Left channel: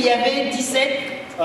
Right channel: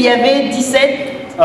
qu'il y avait 17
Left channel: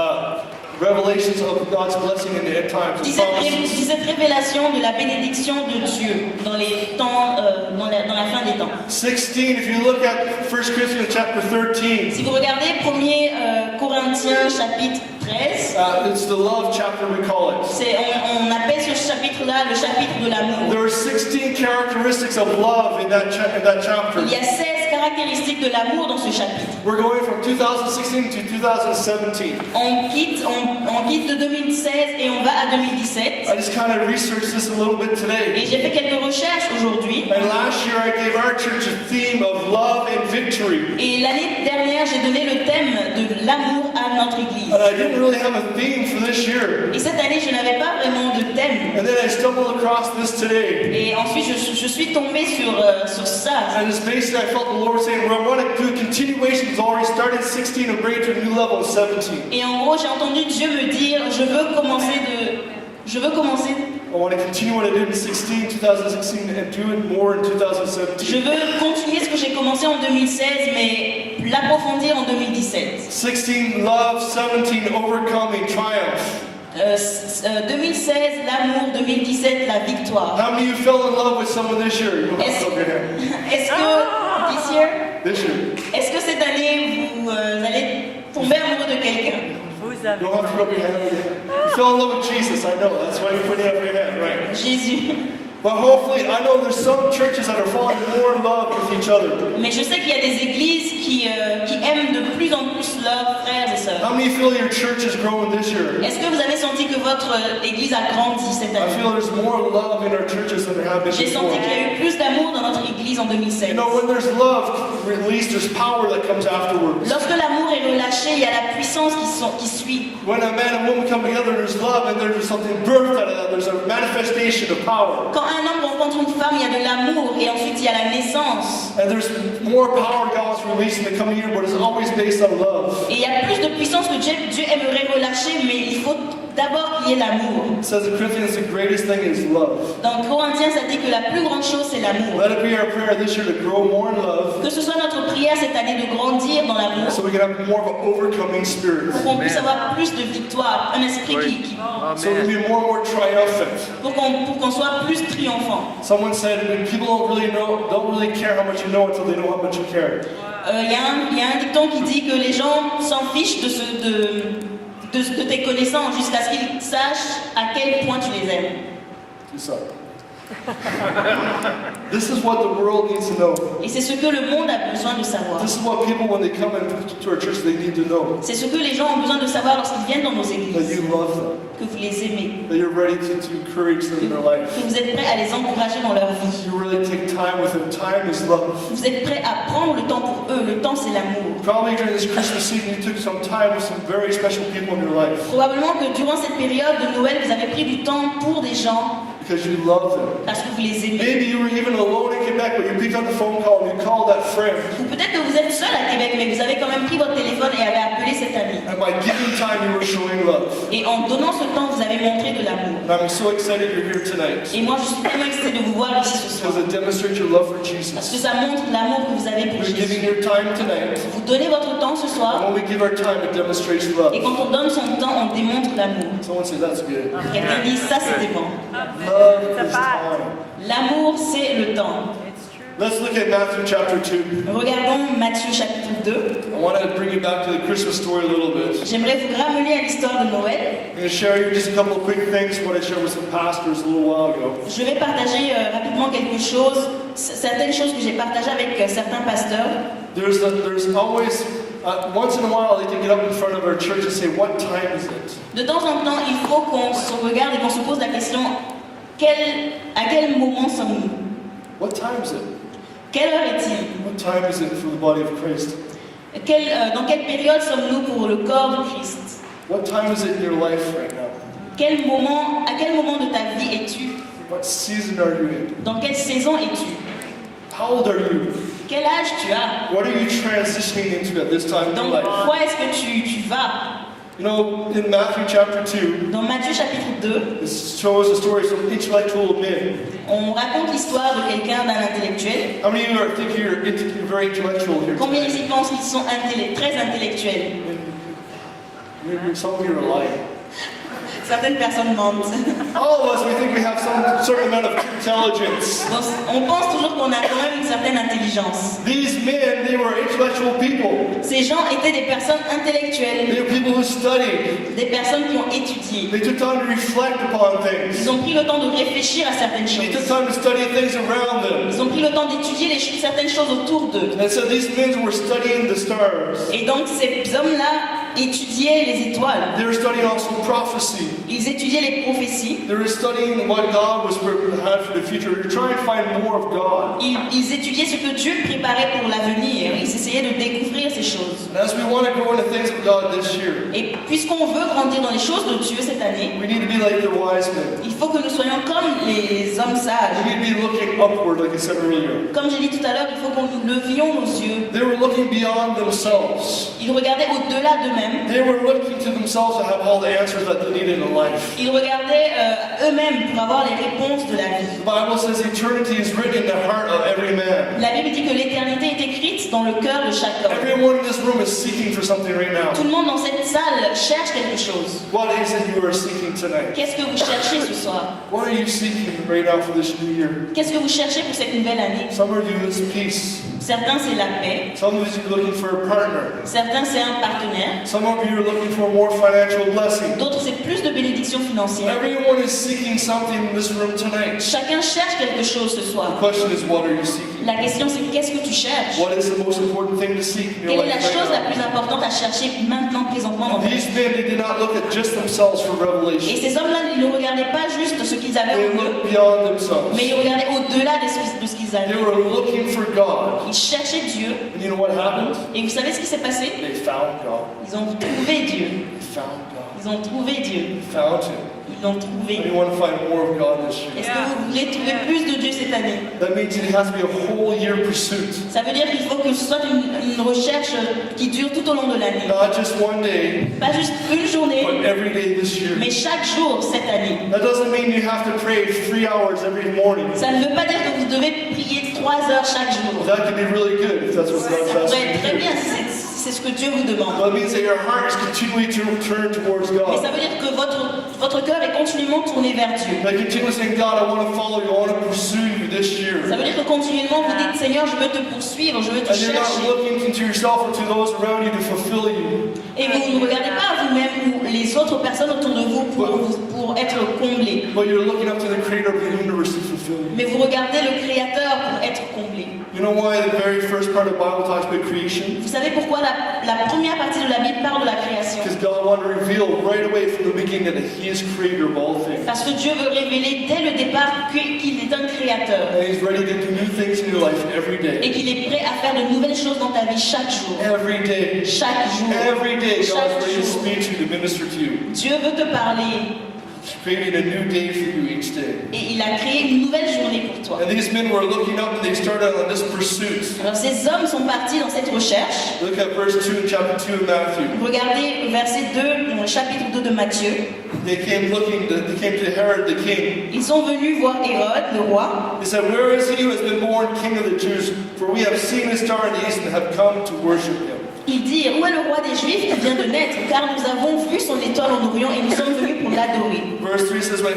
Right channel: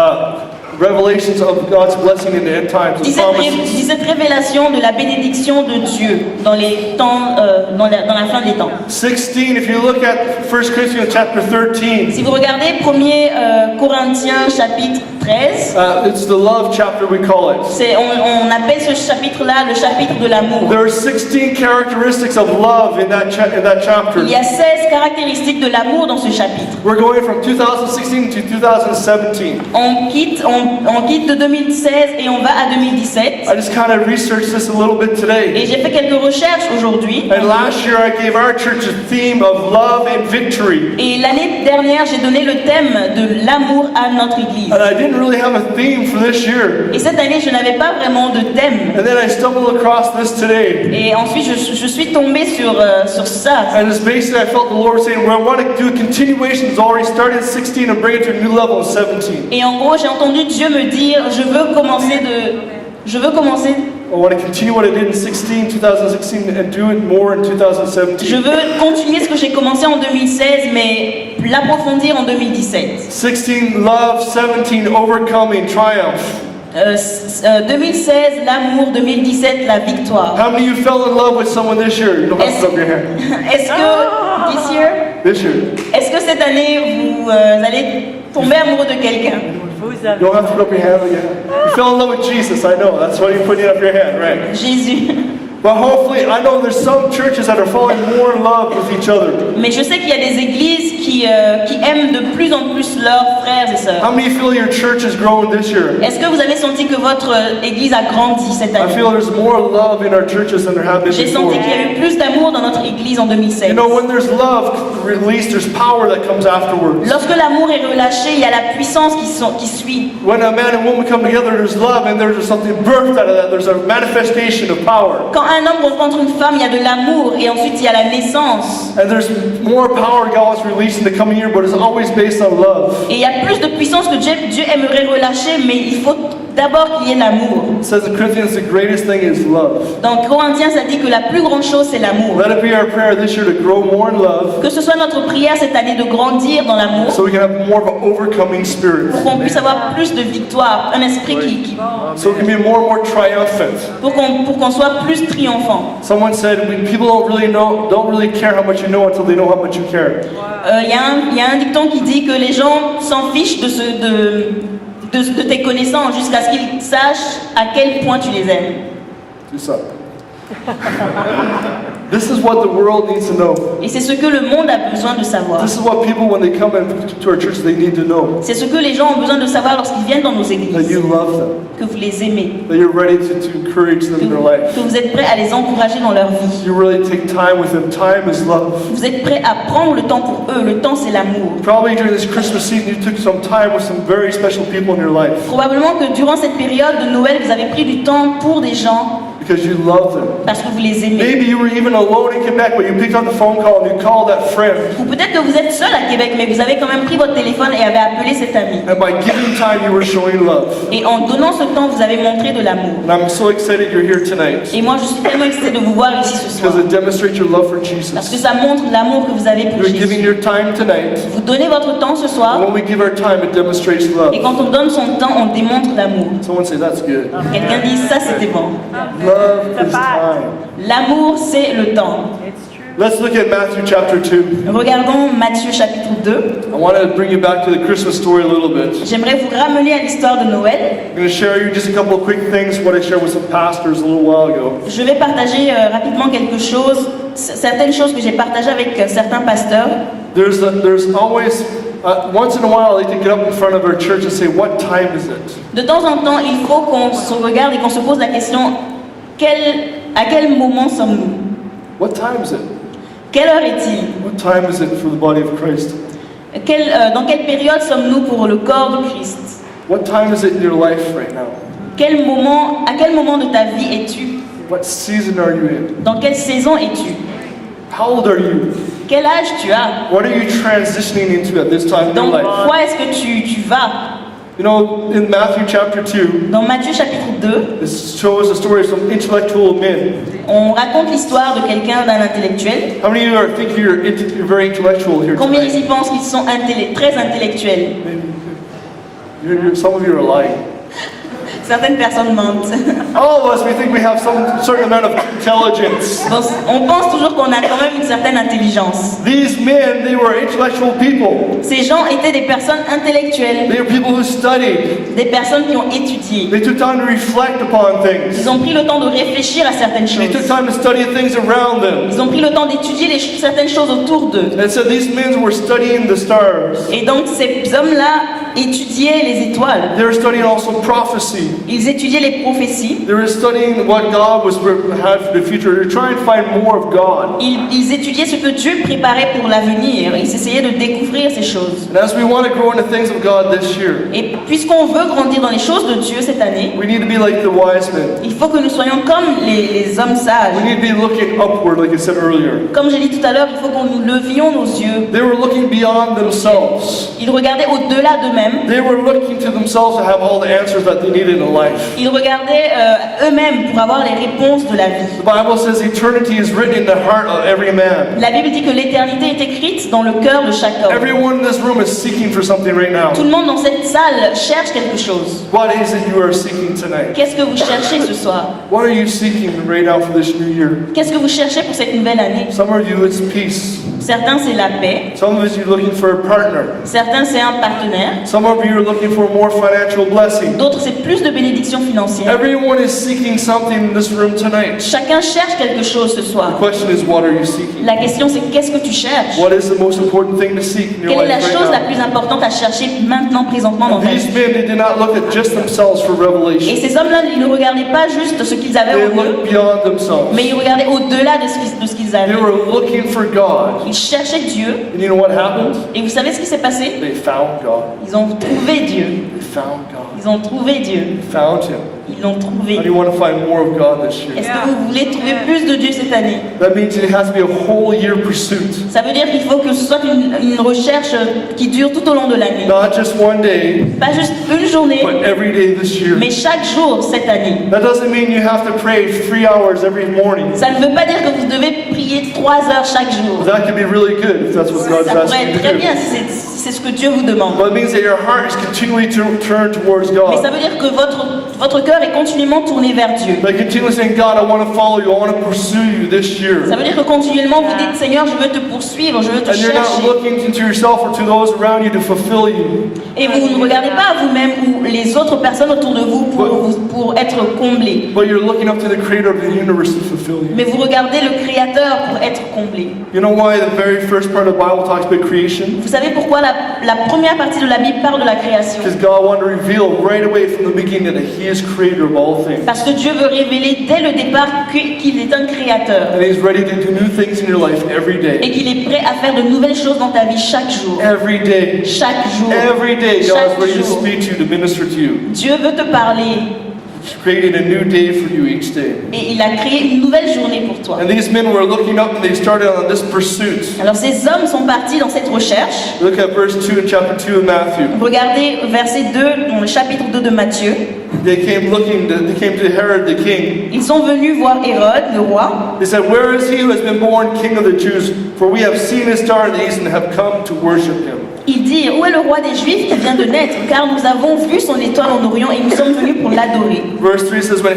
revelations of God's blessing in the end times. 17 révélations de la bénédiction de Dieu dans les temps, dans la fin des temps. 16, if you look at 1 Corinthians chapter 13, Si vous regardez 1er Corinthiens chapitre 13, it's the love chapter we call it. on appelle ce chapitre-là le chapitre de l'amour. There are 16 characteristics of love in that chapter. Il y a 16 caractéristiques de l'amour dans ce chapitre. We're going from 2016 to 2017. On quitte de 2016 et on va à 2017. I just kind of researched this a little bit today. Et j'ai fait quelques recherches aujourd'hui. And last year I gave our church a theme of love and victory. Et l'année dernière, j'ai donné le thème de l'amour à notre église. And I didn't really have a theme for this year. Et cette année, je n'avais pas vraiment de thème. And then I stumbled across this today. Et ensuite, je suis tombée sur ça. And it's basically, I felt the Lord saying, well, I want to do a continuation. It's already started at 16 and bring it to a new level of 17. Et en gros, j'ai entendu Dieu me dire, je veux commencer. I want to continue what I did in 2016 and do it more in 2017. Je veux continuer ce que j'ai commencé en 2016, mais l'approfondir en 2017. 16, love. 17, overcoming, triumph. 2016, l'amour. 2017, la victoire. How many of you fell in love with someone this year? You don't have to put up your hand. Est-ce que, This year. est-ce que cette année, vous allez tomber amoureux de quelqu'un? You don't have to put up your hand again. You fell in love with Jesus, I know. That's why you're putting up your hand, right? Jésus. But hopefully, I know there's some churches that are falling more in love with each other. Mais je sais qu'il y a des églises qui aiment de plus en plus leurs frères et sœurs. How many feel your church has grown this year? Est-ce que vous avez senti que votre église a grandi cette I année? feel there's more love in our churches than there have been J'ai before. senti qu'il y a eu plus d'amour dans notre église en 2016. You know, when there's love released, there's power that comes afterwards. Lorsque l'amour est relâché, il y a la puissance qui suit. When a man and woman come together, there's love, and there's something birthed out of that. There's a manifestation of power. Quand un homme rencontre une femme, il y a de l'amour et ensuite il y a la naissance. And there's more power God wants released in the coming year, but it's always based on love. Et il y a plus de puissance que Dieu aimerait relâcher, mais il faut d'abord qu'il y ait l'amour. It says in Corinthians, the greatest thing is love. Dans Corinthiens, ça dit que la plus grande chose, c'est l'amour. Let it be our prayer this year to grow more in love, Que ce soit notre prière cette année de grandir dans l'amour, so we can have more of an overcoming spirit. pour qu'on puisse avoir plus de victoire, un esprit So it can be more and more triumphant. pour qu'on soit plus triomphant. Someone said, when people don't really care how much you know until they know how much you care. Il y a un dicton qui dit que les gens s'en fichent de tes connaissances jusqu'à ce qu'ils sachent à quel point tu les aimes. Do something. This is what the world needs to know. Et c'est ce que le monde a besoin de savoir. This is what people, when they come into our church, they need to know. C'est ce que les gens ont besoin de savoir lorsqu'ils viennent dans nos That églises. you love them. Que vous les aimez. That you're ready to encourage them in their life. Que vous êtes prêts à les encourager dans leur vie. You really take time with them. Time is love. Vous êtes prêts à prendre le temps pour eux. Le temps, c'est l'amour. Probably during this Christmas season, you took some time with some very special people in your life. Probablement que durant cette période de Noël, vous avez pris du temps pour des gens Because you love them. parce que vous les aimez. Maybe you were even alone in Quebec, but you picked up the phone call and you called that friend. Ou peut-être que vous êtes seul à Québec, mais vous avez quand même pris votre téléphone et avez appelé cet ami. And by giving time, you were showing love. Et en donnant ce temps, vous avez montré de l'amour. And I'm so excited you're here tonight. Et moi, je suis tellement excitée de vous voir ici ce soir. Because it demonstrates your love for Parce que Jesus. ça montre l'amour que vous avez pour You're giving Jésus. your time tonight. Vous donnez votre temps ce And soir. when we give our time, it demonstrates love. Et quand on donne son temps, on démontre l'amour. Someone say, that's good. Quelqu'un dit, ça c'était bon. Love is time. L'amour, c'est le temps. Let's look at Matthew chapter 2. Regardons Matthieu chapitre 2. I want to bring you back to the Christmas story a little bit. J'aimerais vous ramener à l'histoire de Noël. I'm going to share you just a couple of quick things, what I shared with some pastors a little while ago. Je vais partager rapidement quelque chose, certaines choses que j'ai partagées avec certains pasteurs. There's always, once in a while, they get up in front of our church and say, what time is it? De temps en temps, il faut qu'on se regarde et qu'on se pose la question, à quel moment sommes-nous? What time is it? Quelle heure est-il? What time is it for the body of Christ? Dans quelle période sommes-nous pour le corps de Christ? What time is it in your life right now? À quel moment de ta vie es-tu? What season are you in? Dans quelle saison es-tu? How old are you? Quel âge tu as? What are you transitioning into at this time in your Dans life? quoi est-ce que tu vas? You know, in Matthew chapter 2, Dans Matthieu chapitre 2, this shows the story of some intellectual men. on raconte l'histoire de quelqu'un, d'un intellectuel. How many of you think you're very intellectual here Combien tonight? ici pensent qu'ils sont très intellectuels? Some of you are lying. Certaines personnes mentent. All of us, we think we have some certain amount of intelligence. Donc, on pense toujours qu'on a quand même une certaine intelligence. These men, they were intellectual people. Ces gens étaient des personnes intellectuelles, They were people who studied. des personnes qui ont étudié. They took time to reflect upon things. Ils ont pris le temps de réfléchir à certaines They took choses. time to study things around them. Ils ont pris le temps d'étudier certaines choses autour d'eux. And so these men were studying the stars. Et donc ces hommes-là étudiaient les étoiles. They were studying also prophecy. Ils étudiaient les prophéties. They were studying what God had for the future. They were trying to find more of God. Ils étudiaient ce que Dieu préparait pour l'avenir. Ils essayaient de découvrir ces choses. And as we want to grow into things of God this year, Et puisqu'on veut grandir dans les choses de Dieu cette année, we need to be like the wise men. il faut que nous soyons comme les hommes sages. We need to be looking upward, like I said earlier. Comme j'ai dit tout à l'heure, il faut que nous levions nos yeux. They were looking beyond themselves. Ils regardaient au-delà d'eux-mêmes. They were looking to themselves to have all the answers that they needed in life. Ils regardaient eux-mêmes pour avoir les réponses de la vie. The Bible says eternity is written in the heart of every man. La Bible dit que l'éternité est écrite dans le cœur de chaque homme. Everyone in this room is seeking for something right now. Tout le monde dans cette salle cherche quelque chose. What is it you are seeking tonight? Qu'est-ce que vous cherchez ce soir? What are you seeking right now for this new year? Qu'est-ce que vous cherchez pour cette nouvelle année? Some of you, it's peace. Certains, c'est la paix. Some of you, you're looking for a partner. Certains, c'est un partenaire. Some of you are looking for more financial blessing. D'autres, c'est plus de bénédictions financières. Everyone is seeking something in this room tonight. Chacun cherche quelque chose ce The soir. question is, what are you seeking? La question, c'est qu'est-ce que tu cherches? What is the most important thing to seek in your Quelle est la life chose la right plus importante à chercher maintenant, présentement dans now? ta These vie? men, they did not look at just themselves for Et revelation. ces hommes-là, ils ne regardaient pas juste ce qu'ils avaient They en eux, looked beyond themselves. mais ils regardaient au-delà de ce qu'ils They avaient. were looking for God. Ils cherchaient Dieu. And you know what happened? Et vous savez ce qui s'est passé? They found God. Ils ont trouvé Dieu. They found God. Ils ont trouvé Dieu. They found Him. Ils l'ont trouvé. How do you want to find more of God this year? Est-ce que vous voulez trouver plus de Dieu cette année? That means it has to be a whole year pursuit. Ça veut dire qu'il faut que ce soit une recherche qui dure tout au long de l'année. Not just one day, Pas juste une journée, but every day this year. mais chaque jour cette année. That doesn't mean you have to pray 3 hours every morning. Ça ne veut pas dire que vous devez prier 3 heures chaque jour. That could be really good if that's what God's Ça pourrait asking être you très to bien do. si c'est ce que Dieu vous demande. But it means that your heart is continually turned towards Mais ça God. veut dire que votre cœur est continuellement tourné vers Dieu. Like continually saying, God, I want to follow you. I want to pursue you this year. Ça veut dire que continuellement vous dites, Seigneur, je veux te poursuivre, je veux te And you're not chercher. looking into yourself or to those around you to fulfill you. Et vous ne regardez pas à vous-même ou les autres personnes autour de vous pour être comblés. But you're looking up to the creator of the universe to fulfill you. Mais vous regardez le Créateur pour être comblé. You know why the very first part of the Bible talks about creation? Vous savez pourquoi la première partie de la Bible parle de la création? Because God wanted to reveal right away from the beginning that He is creator of all things. Parce que Dieu veut révéler dès le départ qu'il est un créateur And He's ready to do new things in your life every day. et qu'il est prêt à faire de nouvelles choses dans ta vie chaque jour. Every day. Chaque jour. Every day, God is Chaque ready to jour. speak to you, to minister to you. Dieu veut te parler He's creating a new day for you each day. et il a créé une nouvelle journée pour toi. And these men were looking up and they started on this pursuit. Alors ces hommes sont partis dans cette recherche. Look at verse 2 in chapter 2 of Matthew. Regardez verset 2, dans le chapitre 2 de Matthieu. They came to Herod the king. Ils sont venus voir Hérode, le roi. They said, "Where is he who has been born king of the Jews? For we have seen his star in the east and have come to worship him." Ils dirent, où est le roi des Juifs qui vient de naître? Car nous avons vu son étoile en Orient et nous sommes venus pour l'adorer. Verse 3 says, when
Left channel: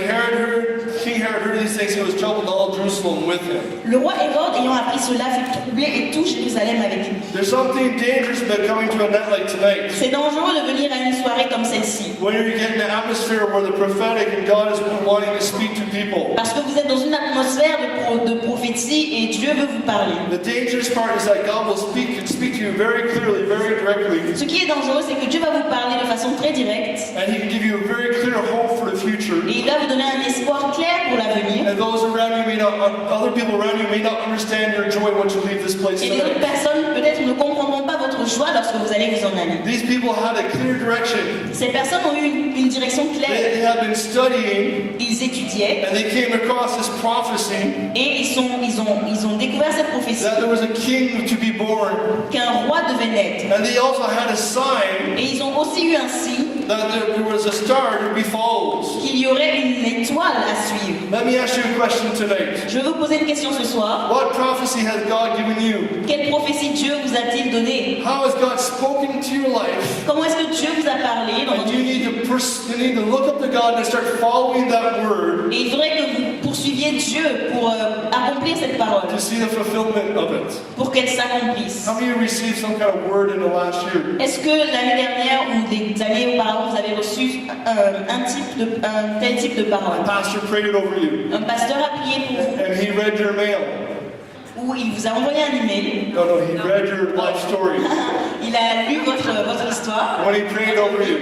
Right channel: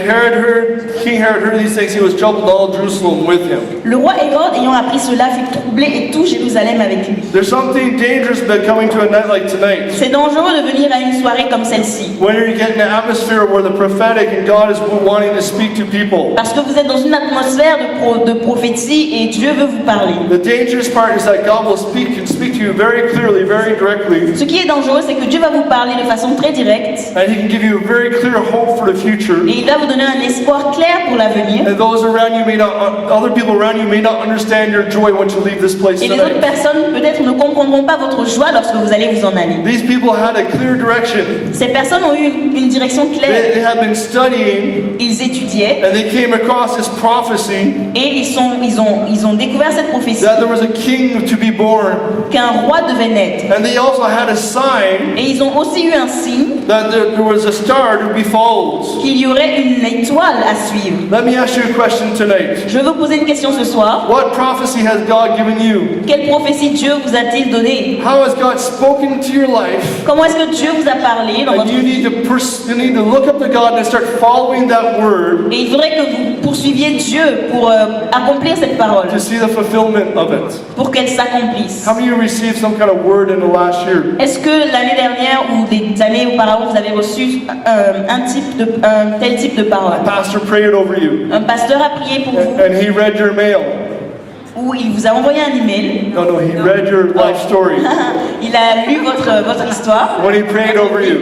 King Herod heard these things, he was troubled and all Jerusalem with him. Le roi Hérode, ayant appris cela, fut troublé et tout Jérusalem avec lui. There's something dangerous about coming to a night like tonight. C'est dangereux de venir à une soirée comme celle-ci. When you get in an atmosphere where the prophetic and God is wanting to speak to people. Parce que vous êtes dans une atmosphère de prophétie et Dieu veut vous parler. The dangerous part is that God will speak to you very clearly, very directly. Ce qui est dangereux, c'est que Dieu va vous parler de façon très directe And He can give you a very clear hope for the future. et il va vous donner un espoir clair pour l'avenir. And those around you other people around you may not understand your joy once you leave this place Et les autres tonight. personnes peut-être ne comprendront pas votre joie lorsque vous allez vous en aller. These people had a clear direction. Ces personnes ont eu une direction claire. They had been studying Ils étudiaient. prophétiait and they came across this prophecy et ils ont découvert cette prophétie that there was a king to be born. qu'un roi devait naître. And they also had a sign Et ils ont aussi eu un signe that there was a star to be followed. qu'il y aurait une étoile à suivre. Let me ask you a question tonight. Je veux poser une question ce soir. What prophecy has God given you? Quelle prophétie Dieu vous a-t-il donné? How has God spoken into your life? Comment est-ce que Dieu vous a parlé dans And votre you vie? need to look up to God and start following that word Et il faudrait que vous poursuiviez Dieu pour accomplir cette parole, to see the fulfillment of it. pour qu'elle s'accomplisse. How many of you received some kind of word in the last year? Est-ce que l'année dernière ou des années auparavant, vous avez reçu un tel type de parole? Pastor prayed over you, Un pasteur a prié pour vous, and he read your mail. ou il vous a envoyé un email. No, he read your life story Il a lu votre histoire when he prayed over you.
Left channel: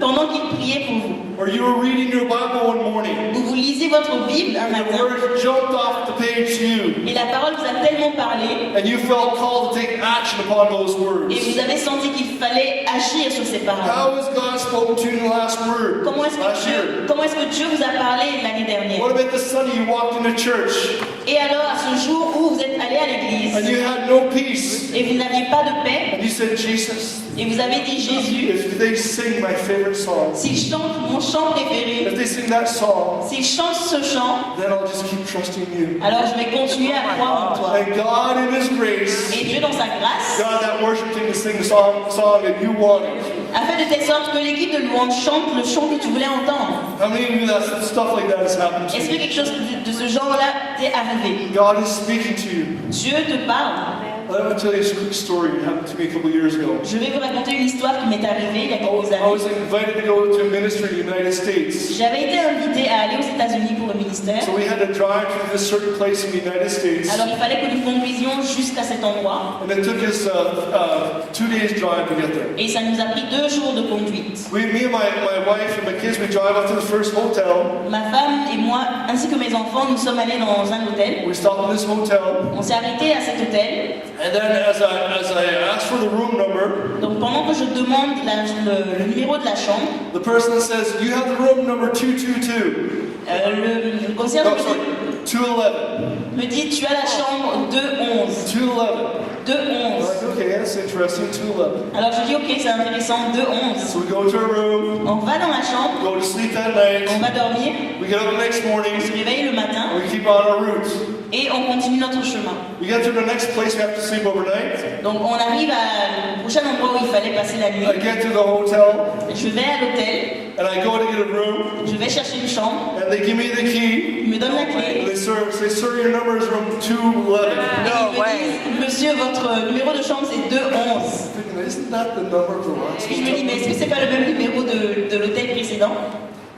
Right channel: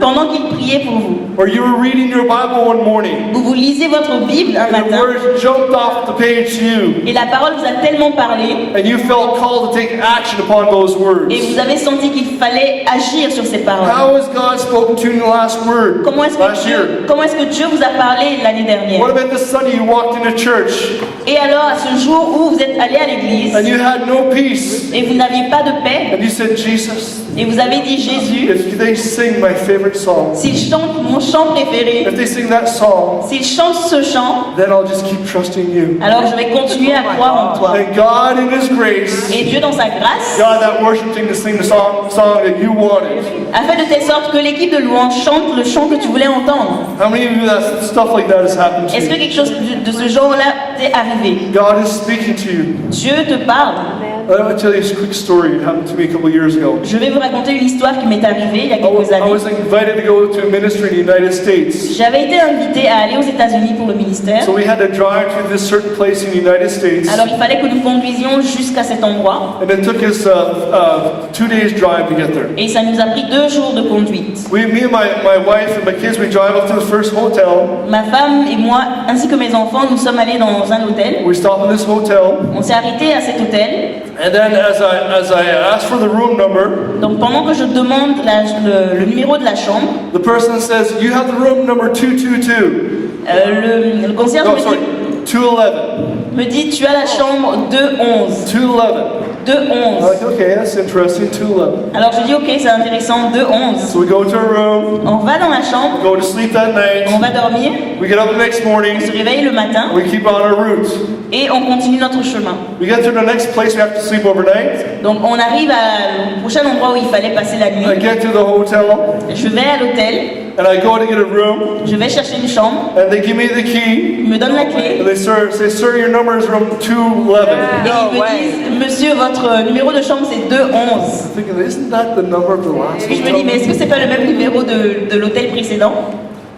pendant qu'il priait pour vous. Or you were reading your Bible one morning, Vous lisez votre Bible un and the matin word jumped off the page to you, et la parole vous a tellement parlé and you felt called to take action upon those words. et vous avez senti qu'il fallait agir sur ces paroles. How has God spoken to you in the last word? Comment est-ce Last year. que Dieu vous a parlé l'année dernière? What about the Sunday you walked into church Et alors, à ce jour où vous êtes allé à l'église and you had no peace, et vous n'aviez pas de paix, and you said, Jesus, et vous avez dit Jésus, if they sing my favorite song, s'il chante mon chant préféré, if they sing that song, s'il chante ce chant, then I'll just keep trusting you. alors je vais continuer à croire en toi. And God in His grace, Et Dieu, dans sa grâce, God that worship team to sing the song that you wanted. a fait de telle sorte que l'équipe de louange chante le chant que tu voulais entendre. How many of you that stuff like that has happened to Est-ce que you? quelque chose de ce genre-là t'est arrivé? God is speaking to you. Dieu te parle. Let me tell you a quick story. It happened to me a couple years ago. Je vais vous raconter une histoire qui m'est arrivée il y a I was quelques années. invited to go to a ministry in the United States. J'avais été invitée à aller aux États-Unis pour le ministère. So we had to drive to this certain place in the United States. Alors il fallait que nous conduisions jusqu'à cet endroit And it took us 2 days drive to get there. et ça nous a pris 2 jours de conduite. Me and my wife and my kids, we drive up to the first hotel. Ma femme et moi, ainsi que mes enfants, nous sommes allés dans un hôtel. We stopped in this hotel. On s'est arrêté à cet hôtel. And then as I asked for the room number, Donc pendant que je demande le numéro de la chambre, the person says, you have the room number 222. le concierge No, sorry, 211. me dit tu as la chambre 211. 211. I'm 211. like, okay, that's interesting, 211. Alors je dis ok, c'est intéressant, 211. So we go to our room, On va dans la chambre, go to sleep that on night. va dormir, We get up the next on morning, se réveille le matin we keep on our route. et on continue notre chemin. We get to the next place we have to sleep overnight. Donc on arrive au prochain endroit où il fallait passer la nuit. I get to the hotel, Je vais à l'hôtel, and I go to get a room, je vais chercher une chambre, and they give me the key. ils me donnent la clé. And they say, sir, your number is room 211. Et ils me disent, monsieur, votre numéro de chambre c'est 211. I'm thinking, isn't that the number of the last Et je me dis, mais hotel? est-ce que c'est pas le même numéro de l'hôtel précédent?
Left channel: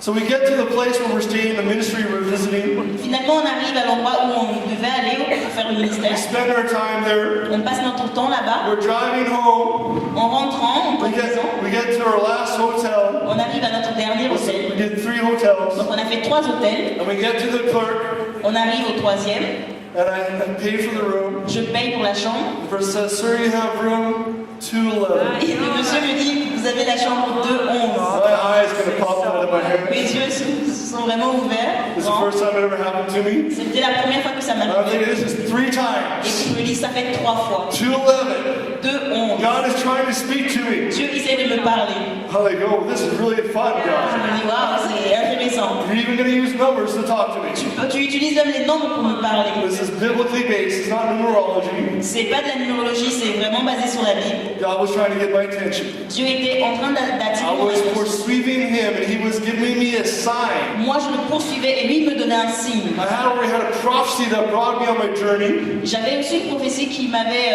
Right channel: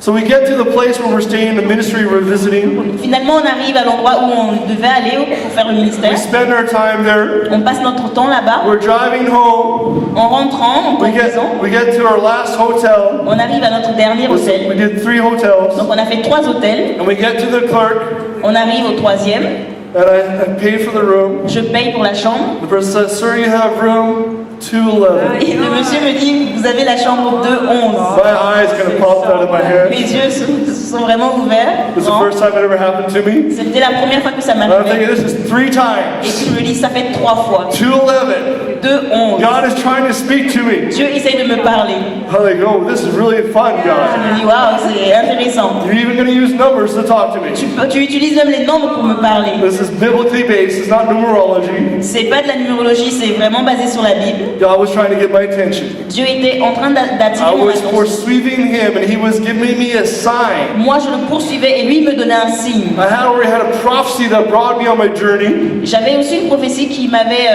So we get to the place where we're staying, the ministry we're visiting. Finalement, on arrive à l'endroit où on devait aller pour faire le ministère. We spend our time there. On passe notre temps là-bas. We're driving home. En rentrant, en conduisant, We get to our last hotel. on arrive à notre dernier We hôtel. did 3 hotels. Donc on a fait 3 hôtels. And we get to the clerk, On arrive au 3e. and I pay for the room. Je paye pour la chambre. The person says, sir, you have room 211. Et le monsieur me dit, vous avez la chambre 211. My eyes kind of popped out of my head. Mes yeux se sont vraiment ouverts. This is the first time it ever happened to me. C'était la première fois que ça And I'm thinking, m'arrivait. this is 3 Et times. puis je me dis, ça fait 3 fois. 211. 211. God is trying to speak to me. Dieu essaie de me parler. I'm like, oh, this is really fun, Je God. me dis, waouh, c'est intéressant. You're even going to use numbers to talk to me. Tu utilises même les nombres pour me parler. This is biblically based. It's not numerology. C'est pas de la numérologie, c'est vraiment basé sur la Bible. God was trying to get my attention. Dieu était en train d'attirer I mon was attention. pursuing Him, and He was giving me a sign. Moi, je le poursuivais et lui me donnait un signe. I had already had a prophecy that brought me on my journey, J'avais aussi une prophétie qui m'avait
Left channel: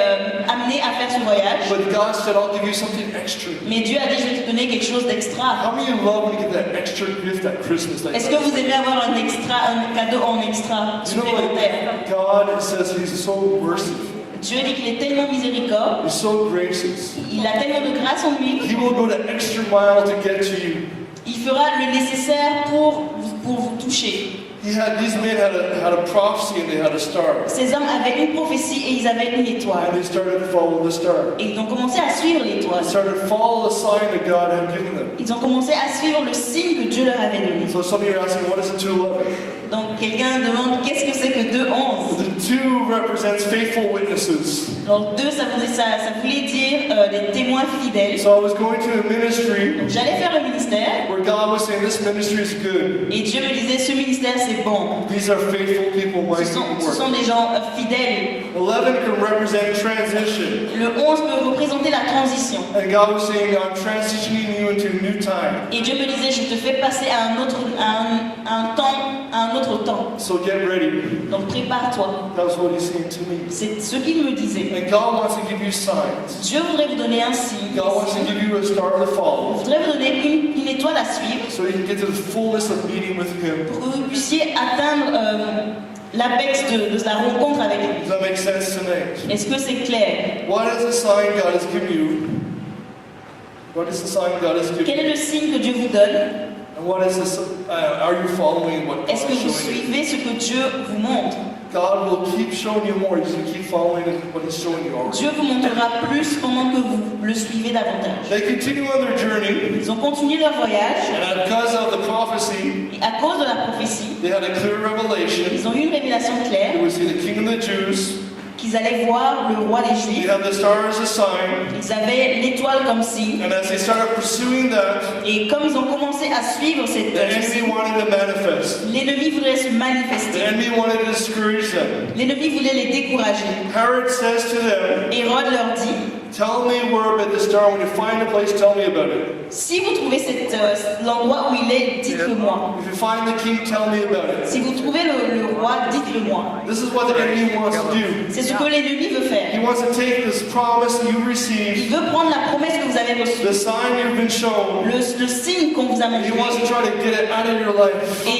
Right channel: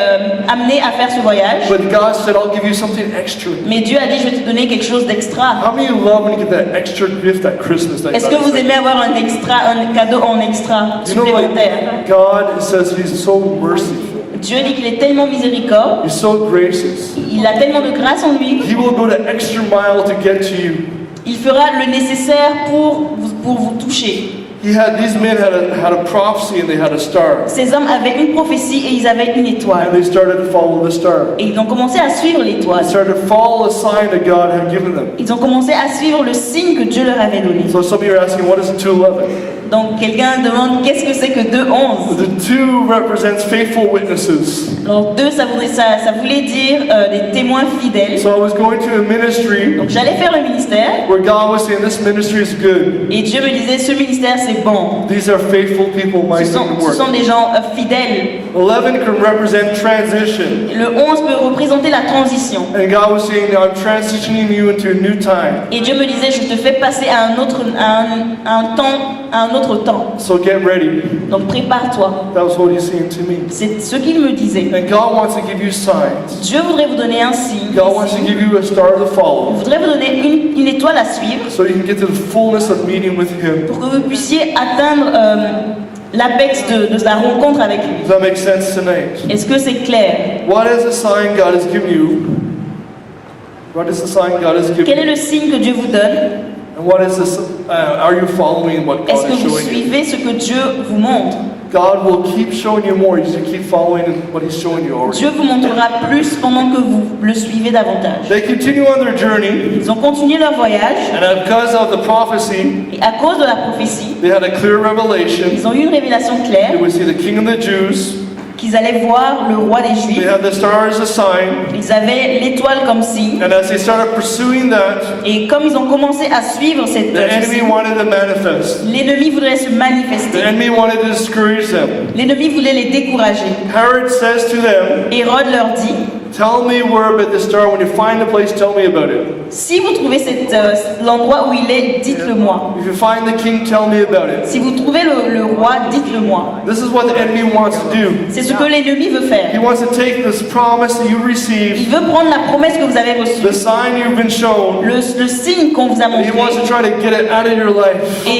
amené à faire ce voyage. but God said, I'll give you something extra. Mais Dieu a dit, je vais te donner quelque chose d'extra. How many of you love when you get that extra gift at Christmas? That Est-ce que vous aimez avoir un cadeau en extra You know supplémentaire? what? God says He's so merciful. Dieu dit qu'il est tellement miséricorde, He's so gracious. il a tellement de grâce en lui, He will go the extra mile to get to you. il fera le nécessaire pour vous toucher. These men had a prophecy and they had a star. Ces hommes avaient une prophétie et ils avaient une étoile. And they started to follow the star. Et ils ont commencé à suivre l'étoile. They started to follow a sign that God had given them. Ils ont commencé à suivre le signe que Dieu leur avait donné. So some of you are asking, what is a 211? Donc quelqu'un demande qu'est-ce que c'est que 2:11. The 2 represents faithful witnesses. Donc 2, ça voulait dire des témoins fidèles. So I was going to a ministry Donc j'allais faire le ministère where God was saying, this ministry is good. et Dieu me disait ce ministère c'est bon. These are faithful people, my Ce sont des gens fidèles. 11 can represent transition. Le 11 peut représenter la transition. And God was saying, I'm transitioning you into a new time. Et Dieu me disait je te fais passer à un autre temps. So get ready. Donc prépare-toi. That was what he's saying to me. C'est ce qu'il me disait. And God wants to give you signs. Dieu voudrait vous donner un signe. God wants to give you a star to Il follow. voudrait vous donner une étoile à suivre So you can get to the fullness of meeting with Him. pour que vous puissiez atteindre l'apex de la rencontre avec lui. Does that make sense tonight? Est-ce que c'est clair? What is the sign God has given you? What is the sign God has given Quel est you? le signe que Dieu vous donne? And what is this? Are you following what Est-ce God que is vous showing you? suivez ce que Dieu vous montre? God will keep showing you more as you keep following what He's showing you already. Dieu vous montrera plus pendant que vous le suivez davantage. They continue on their journey, Ils ont continué leur voyage and because of the prophecy, et à cause de la prophétie, they had a clear revelation. ils ont eu une révélation They claire would see the King of the Jews. qu'ils allaient voir le roi des They Juifs. had the star as a sign, Ils avaient l'étoile comme signe. and as they started pursuing that, Et comme ils ont commencé à suivre cette the enemy wanted to manifest. l'ennemi voulait se The manifester. enemy wanted to discourage them. L'ennemi voulait les décourager. Herod says to them, Hérode leur dit, "Tell me where about the star. When you find a place, tell me about it. si vous trouvez l'endroit où il est, dites-le-moi. If you find the king, tell me about it." Si vous trouvez le roi, dites-le-moi. This is what the enemy wants to do. C'est ce que l'ennemi veut He faire. wants to take this promise that you received, Il veut prendre la promesse que vous avez the reçue, sign you've been shown, le signe qu'on vous a and he wants to montré, try to get it out of your life. et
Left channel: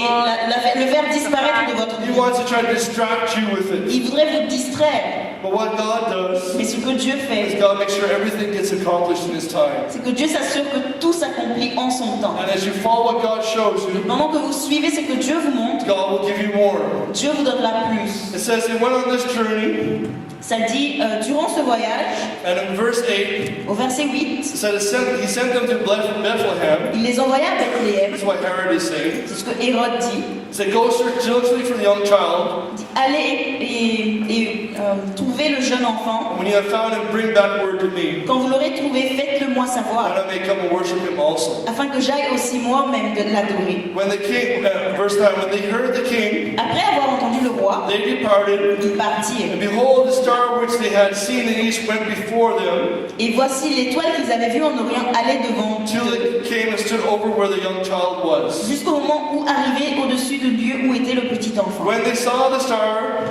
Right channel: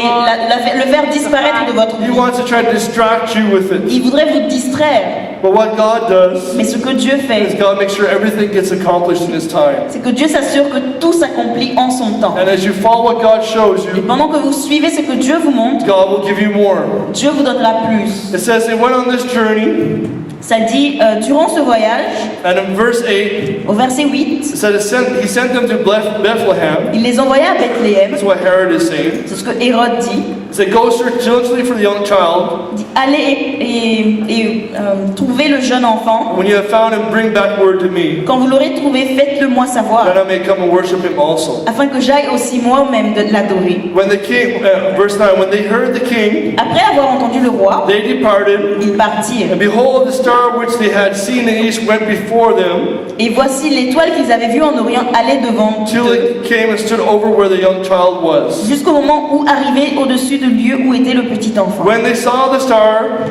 le faire disparaître de votre He vie. wants to try to distract you with it. Il voudrait vous distraire. But what God does Mais ce que Dieu is fait, God makes sure everything gets accomplished in His time. c'est que Dieu s'assure que tout s'accomplit en son temps. And as you follow what God shows Et you, pendant que vous suivez ce que Dieu vous montre, God will give you more. Dieu vous donnera plus. It says they went on this journey, Ça dit, durant ce voyage, and in verse 8, au verset 8, it said He sent them to Bethlehem. il les envoya à Bethléem. That's what Herod is saying. C'est ce que Hérode dit. It said, "Go search diligently for the young child. Il dit, allez et trouvez le jeune enfant. When you have found him, bring back word to me, Quand vous l'aurez trouvé, faites-le moi savoir, that I may come and worship him also." afin que j'aille aussi moi-même de l'adorer. When the king, verse 9, when they heard the king, Après avoir entendu le roi, they departed, ils partirent. and behold, the star which they had seen in the east went before them, Et voici l'étoile qu'ils avaient vue en Orient aller devant till eux, it came and stood over where the young child was. jusqu'au moment où arrivait au-dessus du lieu où était le petit enfant. When they saw the star,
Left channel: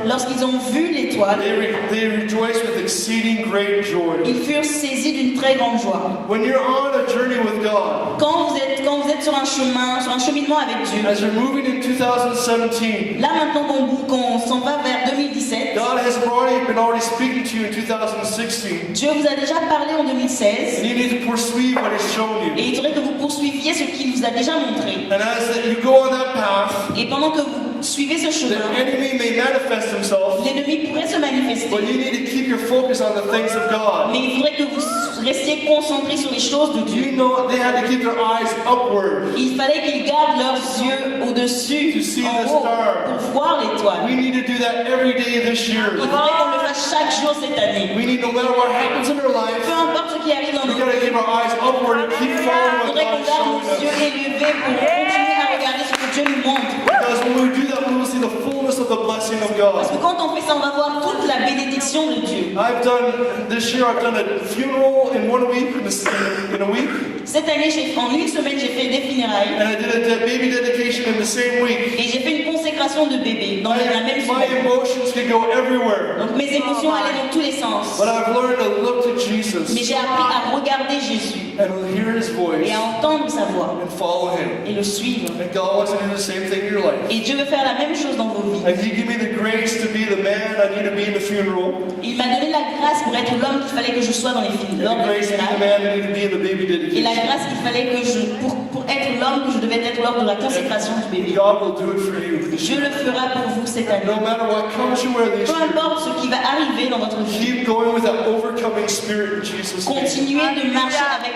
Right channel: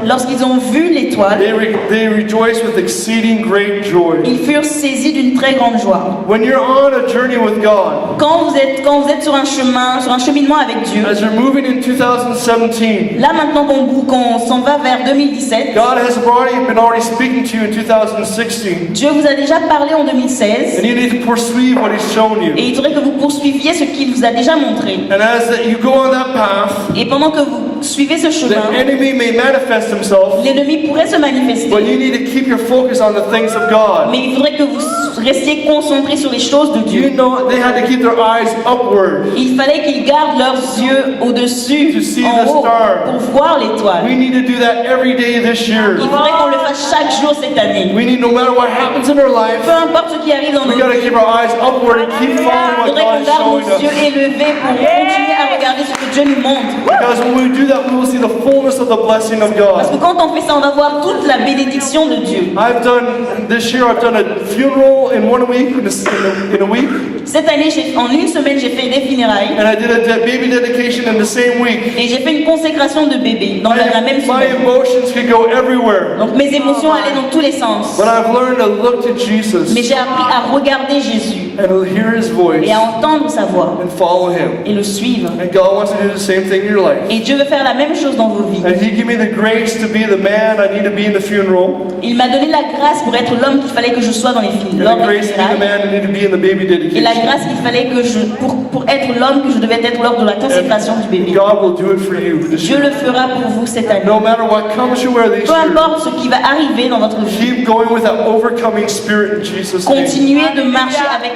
Lorsqu'ils ont vu l'étoile, they rejoiced with exceeding great joy. ils furent saisis d'une très grande joie. When you're on a journey with God, Quand vous êtes sur un cheminement avec Dieu, as you're moving in 2017, là maintenant qu'on s'en va vers 2017, God has been already speaking to you in 2016, Dieu vous a déjà parlé en 2016 and you need to pursue what He's shown you. et il faudrait que vous poursuiviez ce qu'il vous a déjà montré. And as you go on that path, Et pendant que vous suivez ce the chemin, enemy may manifest himself, l'ennemi pourrait se manifester, but you need to keep your focus on the things of God. mais il faudrait que vous restiez concentrés sur les choses de Dieu. You know they had to keep their eyes upward. Il fallait qu'ils gardent leurs yeux au-dessus, To see en the haut, star. pour voir l'étoile. We need to do that every day this year. Il faudrait qu'on le fasse chaque jour cette année. We need, no matter what happens in our life, Peu importe ce qui arrive dans we nos got to vies, keep our eyes upward and keep il following what faudrait God qu'on is garde showing nos yeux us. élevés pour continuer à regarder ce que Dieu nous montre. Because when we do that, we will see the fullness of the blessing of Parce que God. quand on fait ça, on va voir toute la bénédiction de Dieu. This year I've done a funeral in 1 week, in a week, Cette année, en une semaine, j'ai fait des funérailles and I did a baby dedication in the same week. et j'ai fait une consécration de bébé dans la même My semaine. emotions could go everywhere. Donc mes émotions allaient dans tous les sens. But I've learned to look to Mais Jesus j'ai appris à regarder Jésus and to hear His voice et à entendre sa voix and follow Him. et le suivre. And God wants to do the same thing in your life. Et Dieu veut faire la même chose dans vos vies. And He gave me the grace to be the man I need to be in the funeral, Il m'a donné la grâce pour être l'homme qu'il fallait que je sois dans les films, and lors the des grace to be the funérailles, man I need to be in the baby et la dedication. grâce qu'il fallait que pour être l'homme que je devais être lors de la consécration du bébé. God will do it for you this Dieu year. le fera pour vous cette année. No matter what comes your way this Peu year, importe ce qui va arriver dans votre vie, keep going with that overcoming spirit in Jesus' name. continuez de marcher avec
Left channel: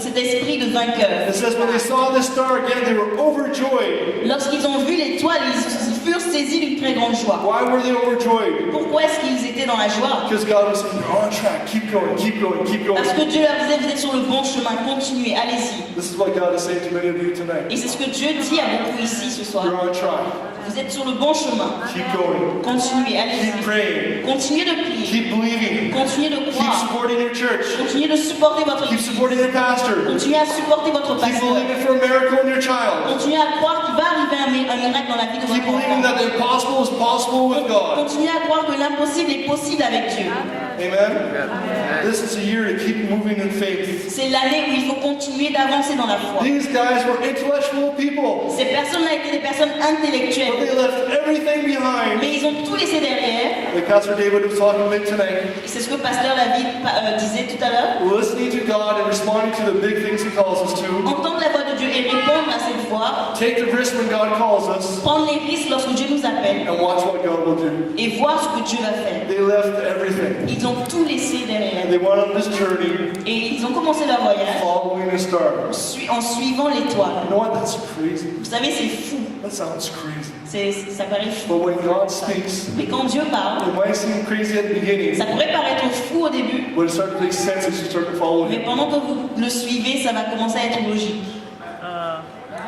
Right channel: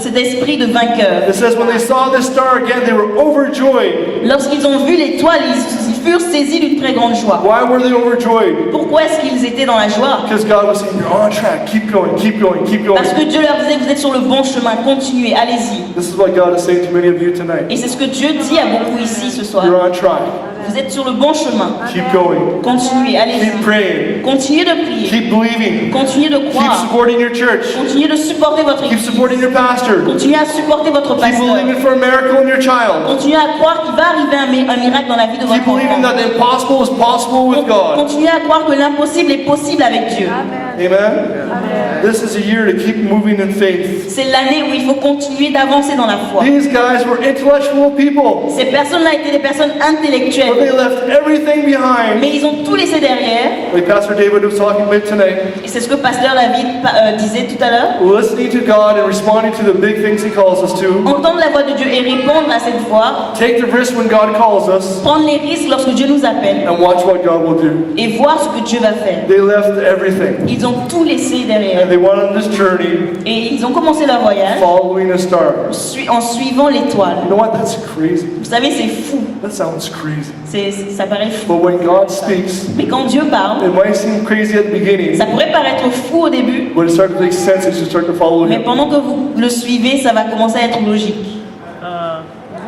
cet esprit de vainqueur. It says when they saw this star again, they were overjoyed. Lorsqu'ils ont vu l'étoile, ils furent saisis d'une très grande joie. Why were they overjoyed? Pourquoi est-ce qu'ils étaient dans la joie? Because God was saying, you're on track. Keep going, keep going, keep going. Parce que Dieu leur disait, vous êtes sur le bon chemin, continuez, allez-y. This is what God is saying to many of you tonight. Et c'est ce que Dieu dit à beaucoup ici ce soir. You're on track. Vous êtes sur le bon chemin. Keep going. Continuez, allez-y. Keep praying. Continuez de prier. Keep believing. Continuez de Keep croire. supporting your church. Continuez de supporter votre Keep église. supporting your pastor. Continuez à supporter votre Keep pasteur. believing for a miracle in your child. Continuez à croire qu'il va arriver un miracle dans la vie de Keep votre believing enfant. that the impossible is possible with God. Continuez à croire que l'impossible est possible avec Dieu. Amen? This is a year to keep moving in faith. C'est l'année où il faut continuer d'avancer dans la foi. These guys were intellectual people, Ces personnes-là étaient des personnes but they intellectuelles. left everything behind. Mais ils ont tout laissé derrière. Like Pastor David was talking about tonight, Et c'est ce que Pasteur David disait tout à l'heure. listening to God and responding to the big things He calls us to. Entendre la voix de Dieu et répondre à cette voix. Take the risk when God calls us, Prendre les risques lorsque Dieu nous appelle. and watch what God will do. Et voir ce que Dieu va faire. They left everything, Ils ont tout laissé derrière. and they went on this journey Et ils ont commencé leur voyage following a star. en suivant l'étoile. You know what? That's crazy. Vous savez, c'est fou. That sounds crazy. Ça paraît fou. But when God speaks, Mais quand Dieu parle, it might seem crazy at the beginning, ça pourrait paraître fou au début. but it starts to make sense as you start to follow Mais Him. pendant que vous le suivez, ça va commencer à être logique.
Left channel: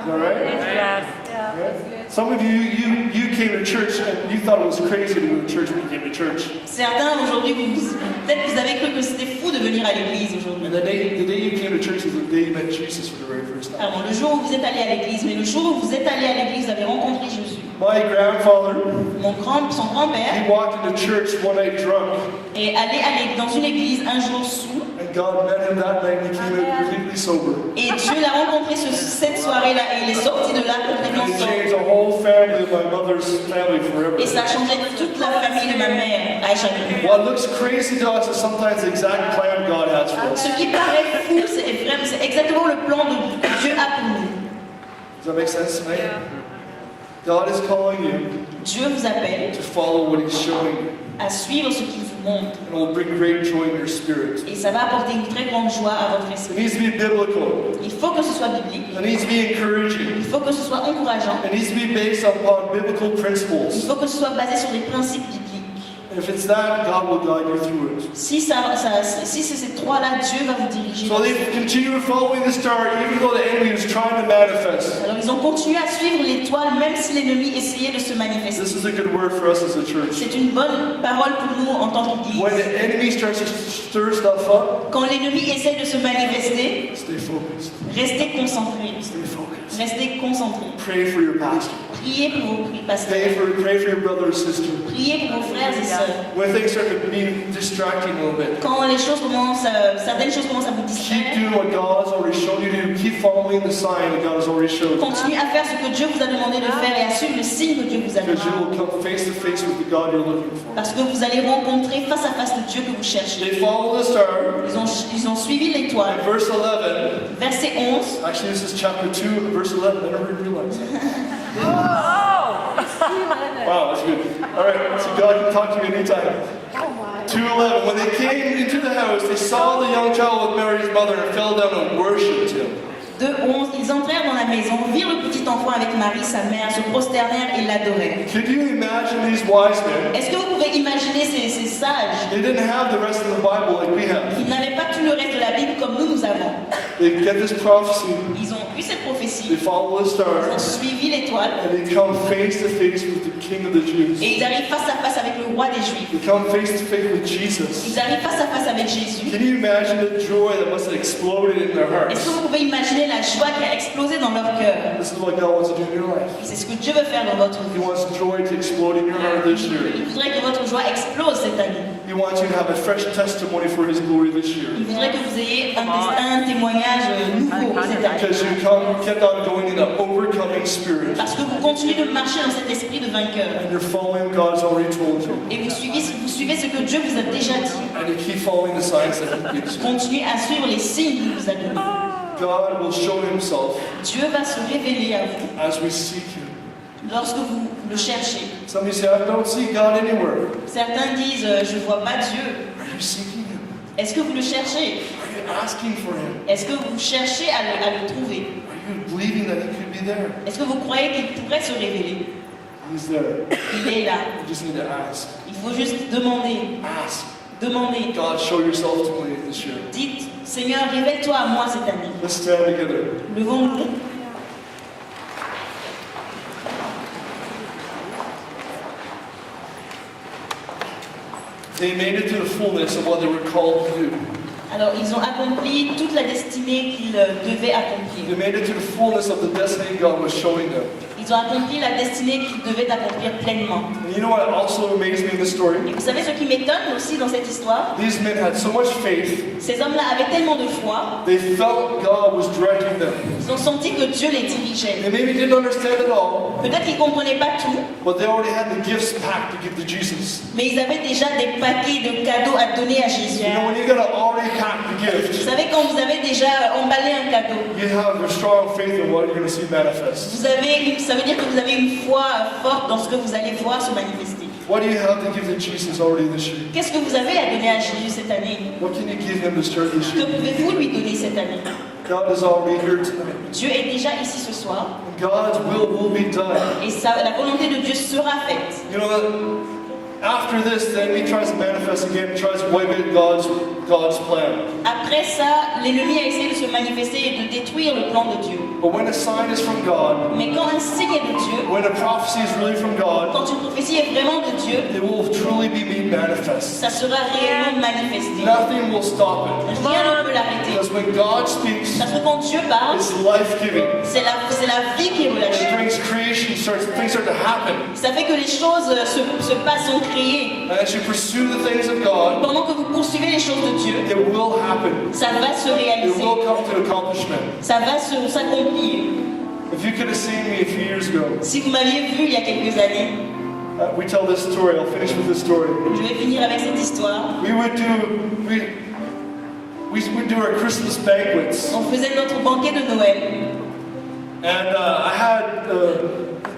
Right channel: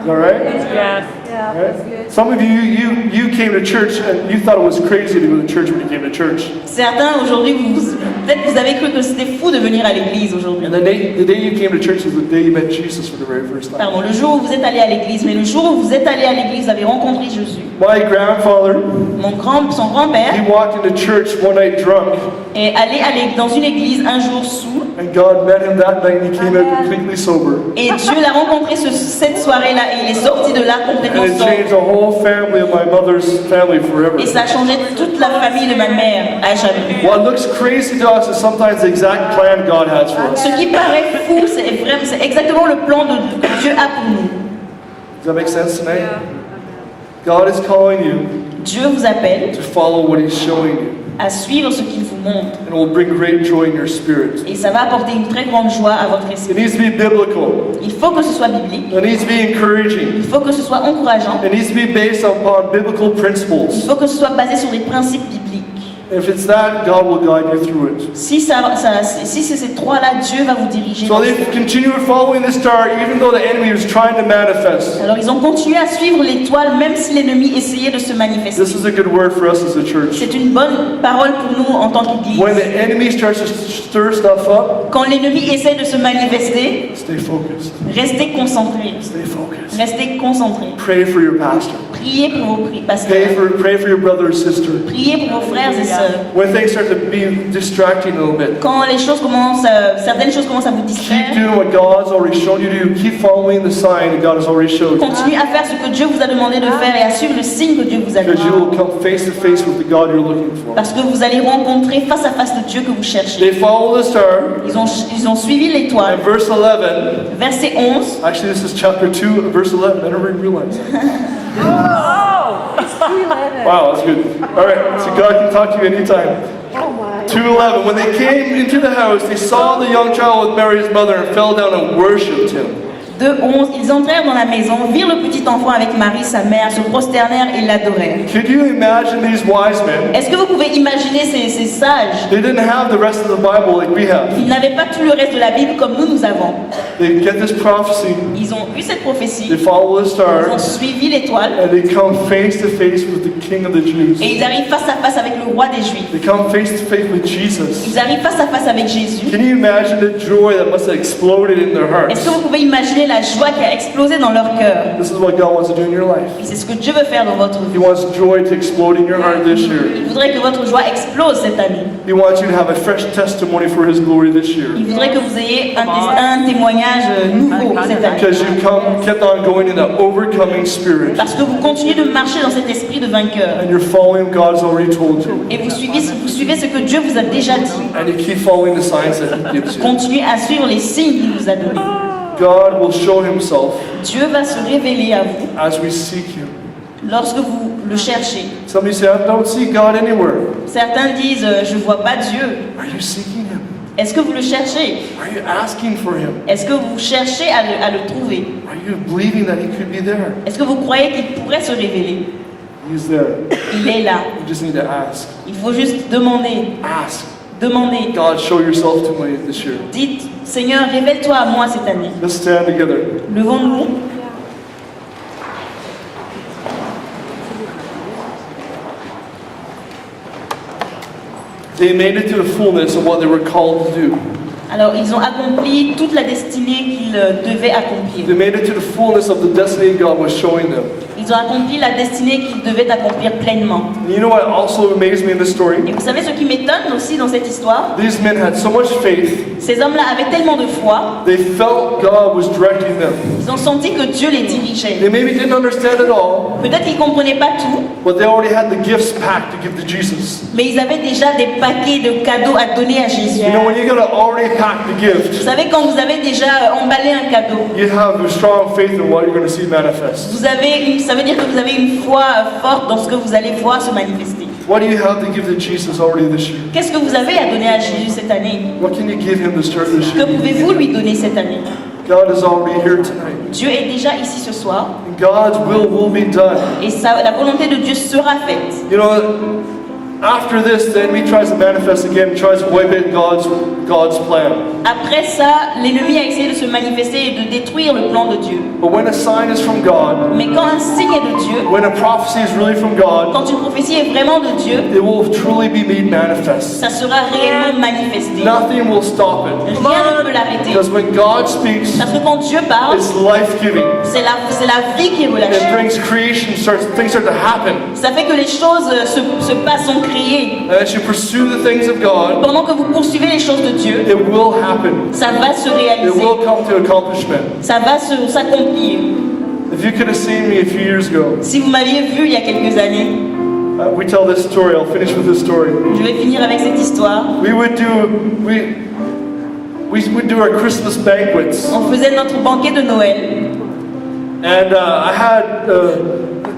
Is that right? Yes. Right? Some of you came to church and you thought it was crazy to go to church when you came to church. Certains aujourd'hui, peut-être que vous avez cru que c'était fou de venir à l'église aujourd'hui. And the day you came to church is the day you met Jesus for the very first time. Pardon, le jour où vous êtes allé à l'église, mais le jour où vous êtes allé à l'église, vous avez rencontré Jésus. My grandfather, Son grand-père he walked into church one night drunk, est allé dans une église un jour sous, and God met him that night and he came out completely sober. et Dieu l'a rencontré cette soirée-là, et il est sorti de là And complètement it sobre. changed the whole family of my mother's family forever. Et ça a changé toute la famille de ma mère à jamais. What looks crazy to us is sometimes the exact plan God has for us. Ce qui paraît fou, c'est exactement le plan de Dieu a pour nous. Does that make sense tonight? God is calling you Dieu vous appelle to follow what He's showing you, à suivre ce qu'il vous montre. and it will bring great joy in your spirit. Et ça va apporter une très grande joie à votre It esprit. needs to be biblical. Il faut que ce soit biblique, It needs to be encouraging. il faut que ce soit encourageant, It needs to be based upon biblical il principles. faut que ce soit basé sur des principes bibliques. If it's that, God will guide you through it. Si c'est ces trois-là, Dieu va vous diriger. So they continued following the star, even though the enemy was trying to manifest. Alors ils ont continué à suivre l'étoile, même si l'ennemi essayait de se manifester. This is a good word for us as a church. C'est une bonne parole pour nous en tant qu'Église. When the enemy starts to stir stuff up, Quand l'ennemi essaie de se manifester, stay focused. restez concentrés. Stay focused. Restez concentrés. Pray for your pastor. Priez pour vos pasteurs. Pray for your brother or sister. Priez pour vos frères et sœurs. When things start to be distracting a little bit, Quand les choses commencent, certaines choses commencent à vous keep distraire, doing what God's already shown you to do. Keep following the sign that God has already showed you. continuez à faire ce que Dieu vous a demandé de faire et à suivre le signe que Dieu vous a Because you donné. will come face to face with the God you're looking for. Parce que vous allez rencontrer face à face le Dieu que vous cherchez. They follow the star. Ils ont suivi l'étoile. And verse 11, Verset 11. actually this is chapter 2, verse 11. I never realized that. Wow, that's good. All right, so God can talk to you anytime. 2:11. When they came into the house, they saw the young child with Mary his mother and fell down and worshipped him. 2:11. Ils entrèrent dans la maison, virent le petit enfant avec Marie, sa mère, se prosternèrent et l'adorèrent. Could you imagine these wise men? Est-ce que vous pouvez imaginer ces sages? They didn't have the rest of the Bible like we have. Ils n'avaient pas tout le reste de la Bible comme nous avons. They get this prophecy, Ils ont eu cette prophétie, they follow the ils star, ont suivi l'étoile and they come face to face with the King of the Jews. et ils arrivent face à face avec le roi des Juifs. They come face to face with Jesus. Ils arrivent face à face avec Jésus. Can you imagine the joy that must have exploded in their hearts? Est-ce que vous pouvez imaginer la joie qui a explosé dans leur cœur? This is what God wants to do in your life. Et c'est ce que Dieu veut faire dans votre He vie. wants joy to explode in your heart this year. Il voudrait que votre joie explose cette année. He wants you to have a fresh testimony for His glory this year. Il voudrait que vous ayez un témoignage nouveau cette année. Because you kept on going in that overcoming spirit. Parce que vous continuez de marcher dans cet esprit de vainqueur. And you're following what God's already told you. Et vous suivez ce que Dieu vous a déjà dit. And you keep following the signs that He gives you. Continuez à suivre les signes qu'il vous a donnés. God will show himself Dieu va se révéler à vous as we seek him. lorsque vous le cherchez. Somebody say, I don't see God anywhere. Certains disent je ne vois pas Dieu. Are you seeking him? Est-ce que vous le cherchez? Are you asking for him? Est-ce que vous cherchez à le trouver? Are you believing that he could be there? Est-ce que vous croyez qu'il pourrait se révéler? He's there. Il est là. You just need to ask. Il faut juste demander. Ask. Demandez. God, show yourself to me this year. Dites, Seigneur, révèle-toi à moi cette année. Let's stand together. Levons-nous. They made it to the fullness of what they were called to do. Alors, ils ont accompli toute la destinée qu'ils devaient accomplir. They made it to the fullness of the destiny God was showing them. Ils ont accompli la destinée qu'ils devaient accomplir pleinement. And you know what also amazed me in this story? Et vous savez ce qui m'étonne aussi dans cette histoire? These men had so much faith, Ces hommes-là avaient tellement de foi, they felt God was directing them. ils ont senti que Dieu les dirigeait. They maybe didn't understand it all, Peut-être qu'ils ne comprenaient pas tout, but they already had the gifts packed to give to Jesus. mais ils avaient déjà des paquets de cadeaux à donner à Jésus. You know, when you got to already pack the Vous gift, savez, quand vous avez déjà emballé un cadeau, you have a strong faith in what you're going to see manifest. ça veut dire que vous avez une foi forte dans ce que vous allez voir se manifester. What do you have to give to Jesus already this year? Qu'est-ce que vous avez à donner à Jésus cette année? What can you give him to start this Que year? pouvez-vous lui donner cette année? God is already here tonight. Dieu est déjà ici ce soir And God's will be done. et la volonté de Dieu sera faite. You know, after this, the enemy tries to manifest again, tries to wipe out God's plan. Après ça, l'ennemi a essayé de se manifester et de détruire le plan de Dieu. But when a sign is from God, Mais quand un signe est de Dieu, when a prophecy is really from God, quand une prophétie est vraiment de Dieu, it will truly be made manifest. ça sera réellement manifesté. Nothing will stop it. Rien ne peut l'arrêter. Because when God speaks, Parce que quand Dieu parle, it's life-giving. c'est la vie qui est It relâchée. brings creation, things start to happen. Ça fait que les choses se passent, sont créées. And as you pursue the things of God, Pendant que vous poursuivez les choses de Dieu, it will happen. ça va se It réaliser. will come to accomplishment. Ça va s'accomplir. If you could have seen me a few years ago, Si vous m'aviez vu il y a quelques années, we tell this story. I'll finish with this story. je vais finir avec cette histoire. We would do our Christmas banquets, On faisait notre banquet de Noël. and I had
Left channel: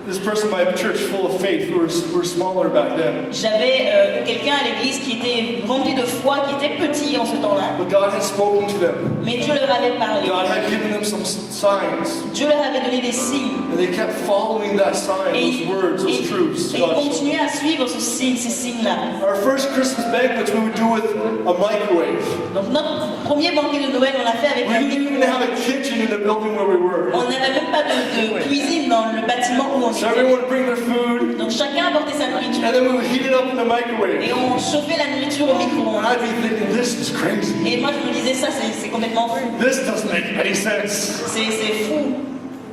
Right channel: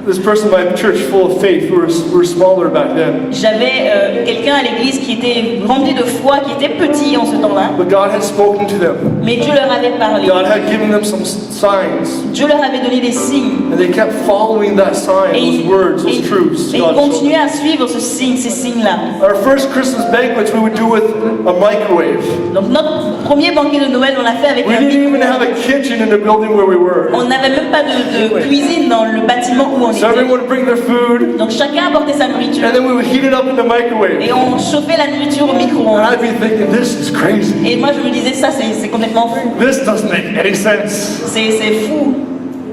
this person in my church full of faith. We were smaller back then, J'avais quelqu'un à l'église qui était rempli de foi, qui était petit en ce temps-là. but God had spoken to them. Mais Dieu leur avait parlé. God had given them some signs, Dieu leur avait donné des signes. and they kept following that sign, Et those words, those truths. et ils God showed them. continuaient à suivre ces signes-là. Our first Christmas banquets we would do with a microwave. Donc notre premier banquet de Noël, on l'a fait avec We un didn't even micro-ondes. have a kitchen in the building where we were. On n'avait même pas de cuisine dans le bâtiment où on So était. everyone would bring their food, Donc chacun apportait sa nourriture. and then we would heat it up in the microwave. Et on chauffait la nourriture au And micro-ondes. I'd be thinking, this is crazy. Et moi je me disais, ça c'est complètement fou. This doesn't make any sense. C'est fou.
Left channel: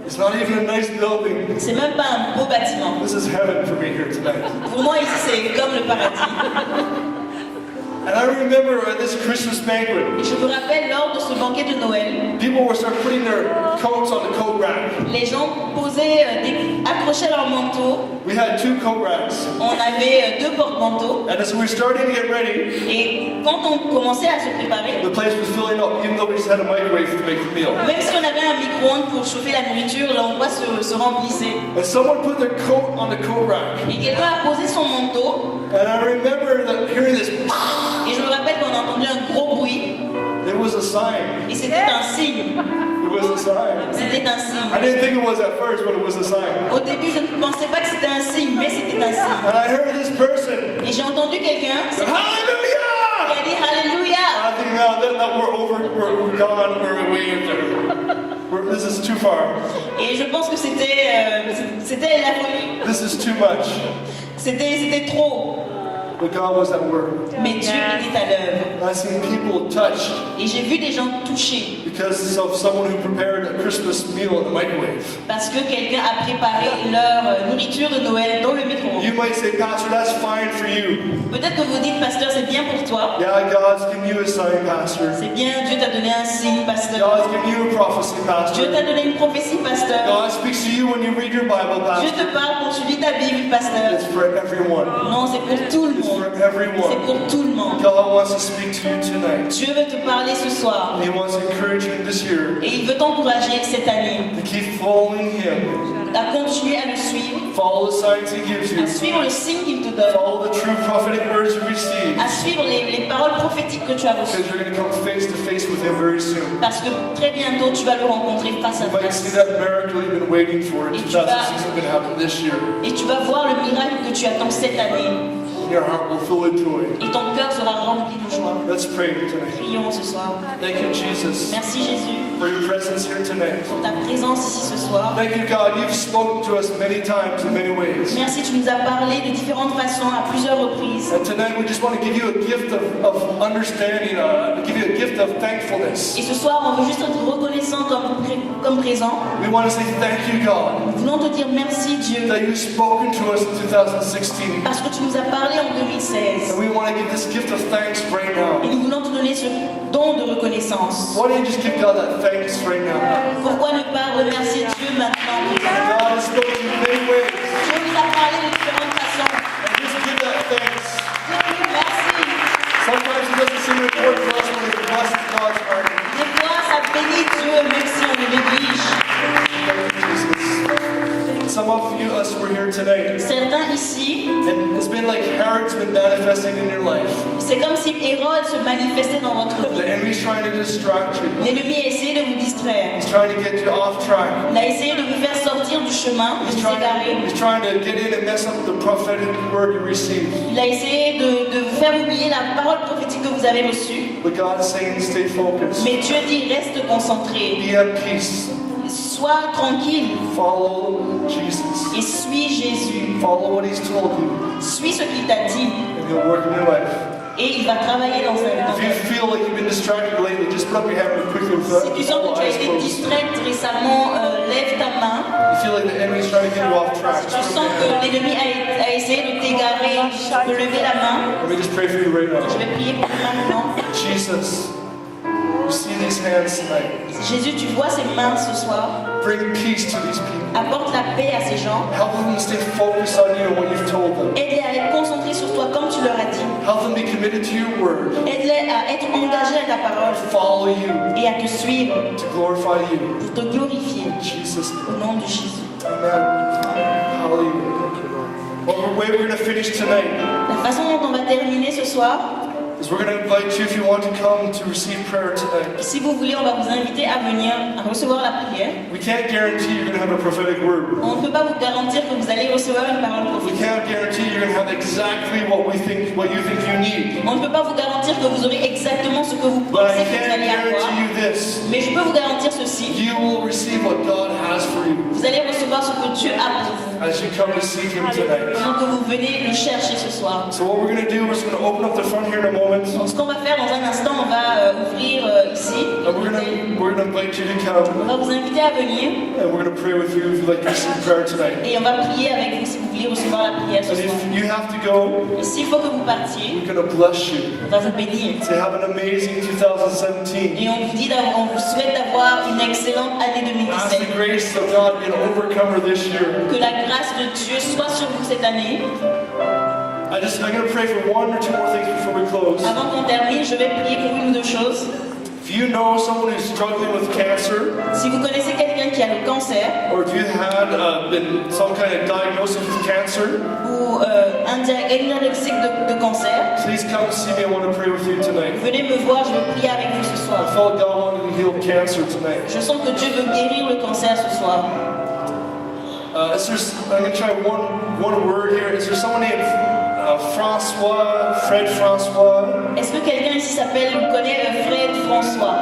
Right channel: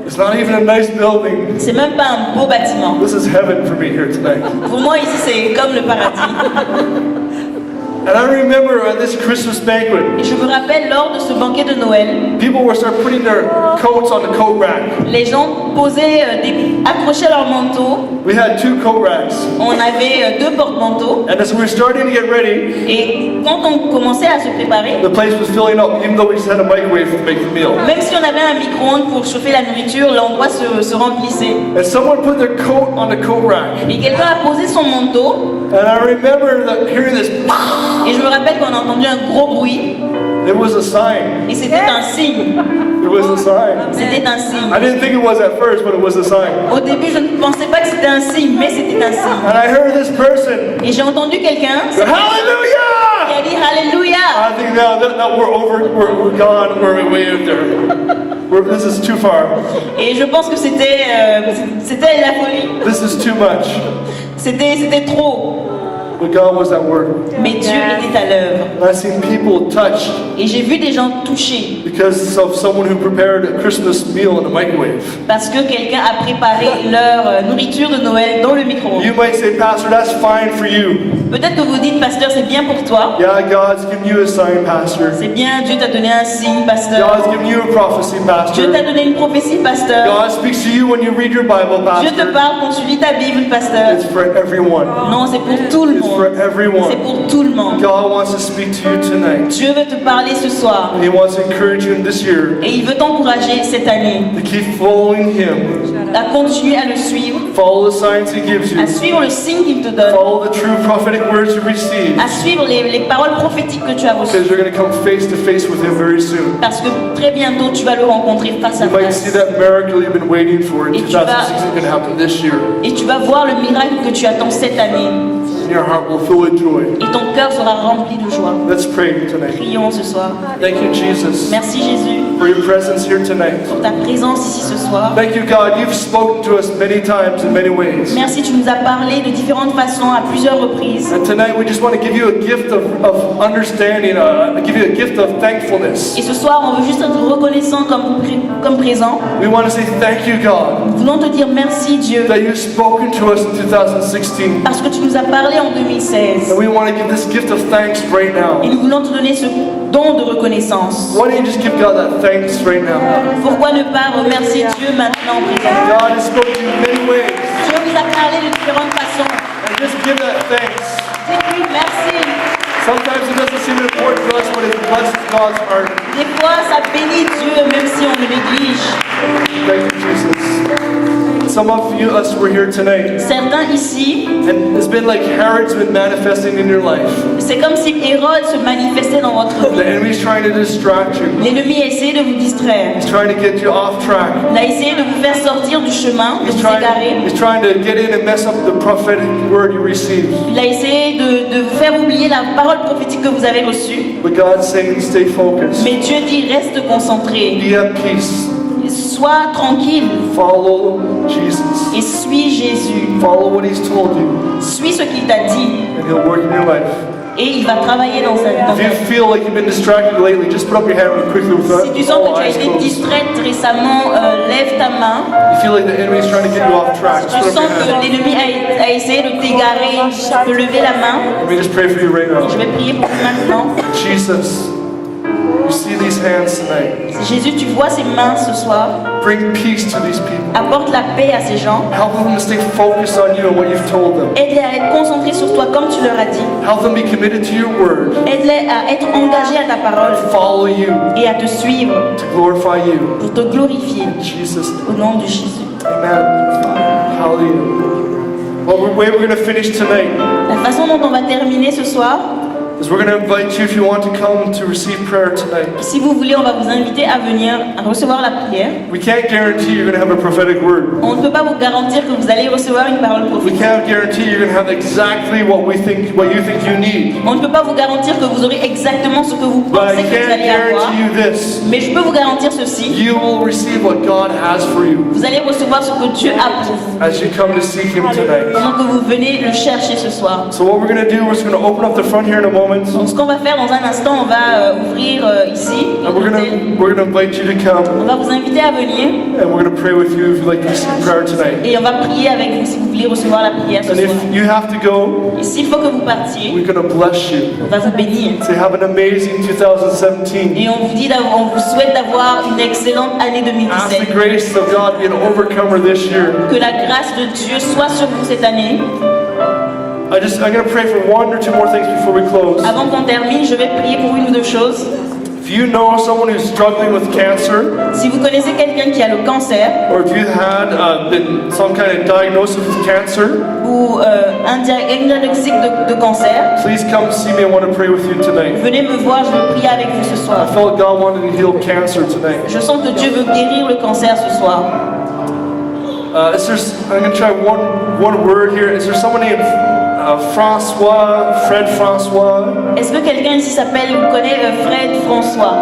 It's not even a nice building. C'est même pas un beau bâtiment. This is heaven for me here tonight. Pour moi ici c'est comme le paradis. And I remember at this Christmas banquet, Et je me rappelle lors de ce banquet de Noël, people were start putting their coats on the coat rack. les gens accrochaient leurs manteaux. We had 2 coat racks. On avait 2 porte-manteaux. And as we were starting to get ready, Et quand on commençait à se préparer, the place was filling up, even though we just had a microwave to make the meal. même si on avait un micro-ondes pour chauffer la nourriture, l'endroit se remplissait. And someone put their coat on the coat rack. Et quelqu'un a posé son manteau. And I remember hearing this. Et je me rappelle qu'on a entendu un gros bruit. It was a sign. Et c'était un signe. It was a sign. C'était un signe. I didn't think it was at first, but it was a sign. Au début, je ne pensais pas que c'était un signe, mais c'était un signe. And I heard this person Et j'ai entendu quelqu'un go, qui Hallelujah! a dit Alléluia. I think now that we're gone, we're way up there. This is too far. Et je pense que c'était la folie. This is too much. C'était trop. But God was at work. Mais Dieu était à l'œuvre. And I've seen people touched Et j'ai vu des gens touchés because of someone who prepared a Christmas meal in the microwave. parce que quelqu'un a préparé leur nourriture de Noël dans le micro-ondes. You might say, Pastor, that's fine for you. Peut-être que vous dites, pasteur, c'est bien pour toi. Yeah, God's given you a sign, Pastor. C'est bien, Dieu t'a donné un signe, pasteur. God's given you a prophecy, Dieu Pastor. t'a donné une prophétie, pasteur. God speaks to you when you read your Bible, Dieu te Pastor. parle quand tu lis ta Bible, pasteur. It's for everyone. Non, c'est pour tout le It's for C'est everyone. pour tout le monde. God wants to speak to you tonight. Dieu veut te parler ce soir. And He wants to encourage you in this year Et il veut t'encourager cette année to keep following Him. à continuer à le suivre, Follow the signs He gives you. à suivre le signe qu'il te donne, Follow the true prophetic words you receive. à suivre les paroles prophétiques que tu as reçues. Because you're going to come face to face with Him very soon. Parce que très bientôt, tu vas le rencontrer face à You might see face. that miracle you've been waiting for in Et tu vas- 2016 going to happen this year. Et tu vas voir le miracle que tu attends cette année. And your heart will fill with joy. Et ton cœur sera rempli de joie. Let's pray tonight. Prions ce soir. Thank you, Jesus, Merci Jésus for your presence here tonight. pour ta présence ici ce soir. Thank you, God. You've spoken to us many times in many ways. Merci, tu nous as parlé de différentes façons à plusieurs reprises. And tonight we just want to give you a gift of understanding, give you a gift of thankfulness. Et ce soir, on veut juste être reconnaissant comme présent. We want to say thank you, God, Nous voulons te dire merci Dieu that you've spoken to us in 2016. parce que tu nous as parlé en 2016. And we want to give this gift of thanks right now. Et nous voulons te donner ce don de reconnaissance. Why don't you just give God that thanks right now? Pourquoi ne pas remercier Dieu maintenant présent? God has spoken in many ways. Dieu nous a parlé de différentes façons. And just give that thanks. Dis-lui merci. Sometimes it doesn't seem important to us, but it blesses God's heart. Des fois, ça bénit Dieu même si on le néglige. Thank you, Jesus. Some of you, us, were here tonight, Certains ici, and it's been like Herod's been manifesting in your life. c'est comme si Hérode se manifestait dans votre The vie. enemy's trying to distract you. L'ennemi a essayé de vous distraire. He's trying to get you off track. Il a essayé de vous faire sortir du chemin, de vous égarer. He's trying to get in and mess up the prophetic word you received. Il a essayé de vous faire oublier la parole prophétique que vous avez reçue. But God's saying, stay focused. Mais Dieu dit, reste concentré. Be at peace. Sois tranquille Follow Jesus. et suis Jésus. Follow what He's told you, Suis ce qu'il t'a dit and He'll work in your life. et il va travailler dans ta If you vie. feel like you've been distracted lately, just put up your hand real quickly with Si tu sens all que tu as eyes été closed. distraite récemment, lève ta main. You feel like the enemy's trying to get you off track. Tu Just put sens up your que hand. l'ennemi a essayé de t'égarer, de lever la main. Let me just pray for you right Je now. vais prier pour toi maintenant. Jesus, you see these hands tonight. Jésus, tu vois ces mains ce soir. Bring peace to these people. Apporte la paix à ces gens. Help them to stay focused on you and what you've told them. Aide-les à être concentrés sur toi comme tu leur as dit. Help them be committed to your word. Aide-les à être engagés à ta parole Follow you et à te suivre to glorify you. pour te glorifier In Jesus' au name. nom de Jésus. Amen. Hallelujah. Well, the way we're going to finish tonight La façon dont on va terminer ce soir, is we're going to invite you, if you want to come to receive prayer tonight. si vous voulez, on va vous inviter à venir à recevoir la prière. We can't guarantee you're going to have a prophetic word. On ne peut pas vous garantir que vous allez recevoir une parole We prophétique. can't guarantee you're going to have exactly what you think you need. On ne peut pas vous garantir que vous aurez exactement ce que vous But pensez I que vous can allez avoir. guarantee you this. Mais je peux vous garantir ceci. You will receive what God has for you Vous allez recevoir ce que Dieu a pour vous. as you come to seek Him tonight. Pendant que vous venez le chercher ce soir. So what we're going to do, we're just going to open up the front here in a moment. Donc ce qu'on va faire dans un instant, on va ouvrir ici. And we're gonna invite you to come, On va vous inviter à venir and we're gonna pray with you if you'd like to receive prayer tonight. et on va prier avec vous si vous voulez recevoir la prière ce And if soir. you have to go, Et s'il faut que vous partiez, we're gonna bless you. on va vous bénir. Say have an amazing 2017. Et on vous souhaite d'avoir une excellente année Ask the 2017. grace of God to be an overcomer this year. Que la grâce de Dieu soit sur vous cette année. I'm gonna pray for one or two more things before we close. Avant qu'on termine, je vais prier pour une ou deux choses. If you know someone who's struggling with cancer, Si vous connaissez quelqu'un qui a le cancer or if you had been some kind of diagnosis with cancer, ou un diagnostic de cancer, please come see me. I want to pray with you tonight. venez me voir, je vais prier avec vous ce I soir. felt God wanted to heal cancer tonight. Je sens que Dieu veut guérir le cancer ce soir. I'm going to try one word here. Is there someone named Fred François? Est-ce que quelqu'un ici connaît Fred François?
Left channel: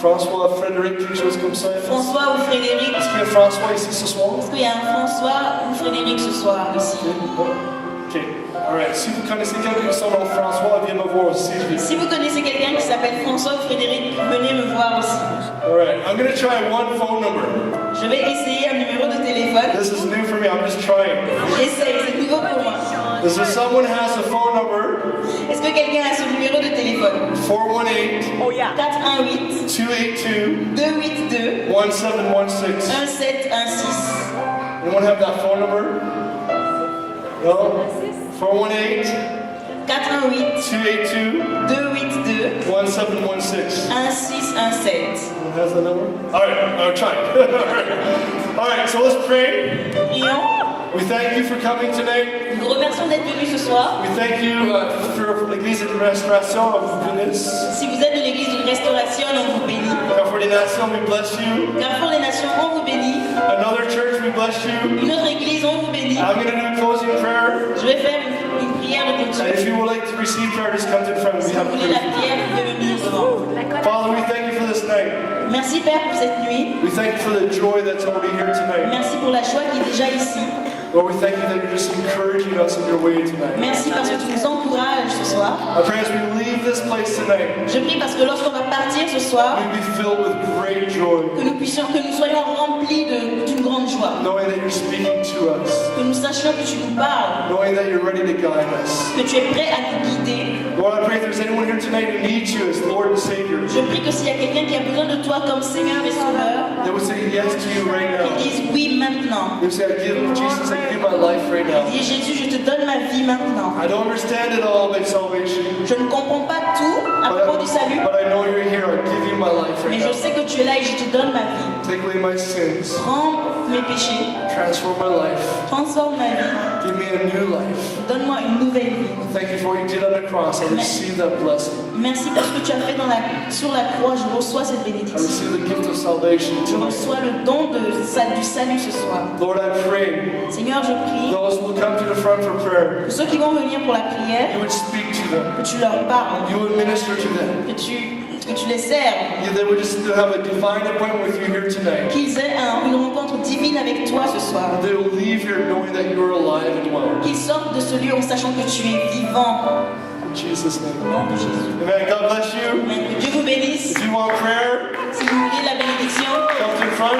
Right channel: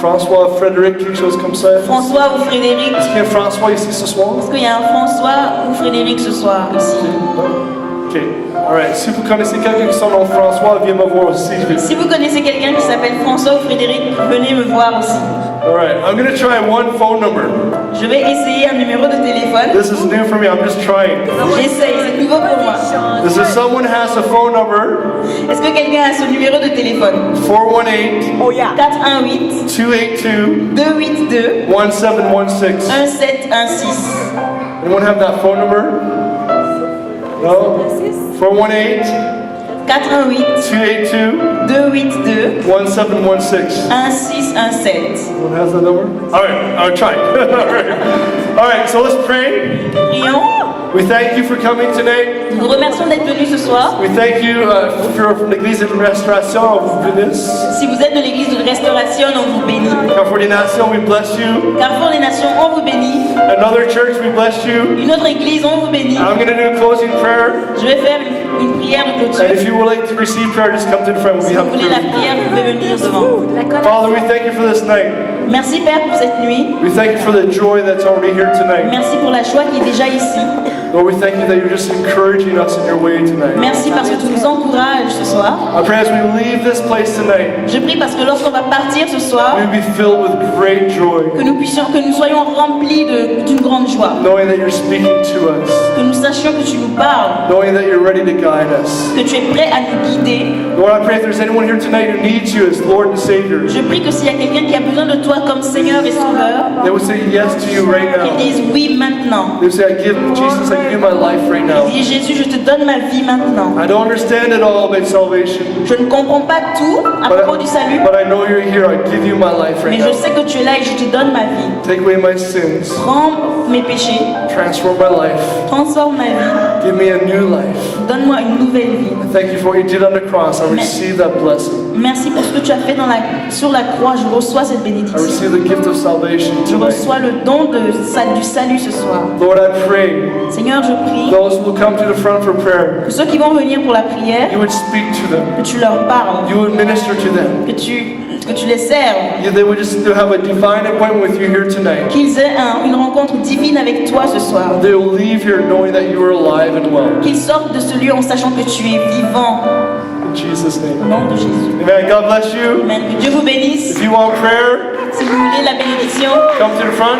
François, Frédéric, quelque chose comme ça? François ou Frédéric? Est-ce qu'il y a François ici ce soir? Est-ce qu'il y a un François ou Frédéric ce soir ici? Ok, alright. Si vous connaissez quelqu'un qui s'appelle François, viens me voir aussi. Si vous connaissez quelqu'un qui s'appelle François ou Frédéric, venez me voir aussi. Alright, I'm going to try one phone number. Je vais essayer un numéro de téléphone. This is new for me, I'm just trying. J'essaye, c'est nouveau pour moi. Does someone has a phone number? Est-ce que quelqu'un a ce numéro de téléphone? 418 418 282 282 1716. 1716. Anyone have that phone number? No? 418 418 282 282 1716. 1617. Who has that number? All right, I'll try. All right, so let's pray. Prions. We thank you for coming today. Nous vous remercions d'être venus ce soir. We thank you for l'église de restauration. On vous bénisse. Si vous êtes de l'église de restauration, on vous bénit. Carrefour des Nations, we bless you. Carrefour des Nations, on vous bénit. Another church, we bless you. Une autre église, on vous bénit. I'm going to do a closing prayer. Je vais faire une prière de And clôture. if you would like to receive prayer, just come to the front. Si We vous have voulez la prayer. prière, vous pouvez venir devant. Father, we thank you for this night. Merci Père pour cette nuit. We thank you for the joy that's already here tonight. Merci pour la joie qui est déjà ici. Lord, we thank you that you're just encouraging us in your way tonight. Merci parce que tu nous encourages ce soir. I pray as we leave this place tonight, Je prie parce que lorsqu'on va partir ce soir, we be filled with great joy, que nous soyons remplis d'une grande joie. knowing that you're speaking to us, Que nous sachions que tu nous parles, knowing that you're ready to guide us. que tu es prêt à nous guider. Lord, I pray if there's anyone here tonight who needs you as Lord and Savior, Je prie que s'il y a quelqu'un qui a besoin de toi comme Seigneur et Sauveur, they would say yes to you right qu'ils now. disent oui maintenant. They would say, I give Jesus, I give you my life right now. Dis Jésus, je te donne ma vie maintenant. I don't understand it all about salvation, Je ne comprends pas tout à propos du salut, but I know you're here. I give you my life right mais je now. sais que tu es là et que je te donne ma vie. Take away my sins, Prends mes péchés, transform my life, transforme ma vie, give me a new life. donne-moi une nouvelle vie. Thank you for what you did on the cross. I receive that blessing. Merci pour ce que tu as fait sur la croix. Je reçois cette I bénédiction. receive the gift of salvation Je tonight. reçois le don du salut ce soir. Lord, I pray Seigneur, je prie those who will come to the front for prayer, que ceux qui vont venir pour la prière, you would speak to them. que tu leur parles, You would minister to them. que tu les serves, They would just have a divine appointment with you here tonight. qu'ils aient une rencontre divine avec toi ce soir. They will leave here knowing that you are alive and well. Qu'ils sortent de ce lieu en sachant que tu es vivant. In Jesus' Au name. nom de Jésus. Amen. God bless you. Amen. Que Dieu vous bénisse. If you want prayer, Si vous voulez la bénédiction, come to the front.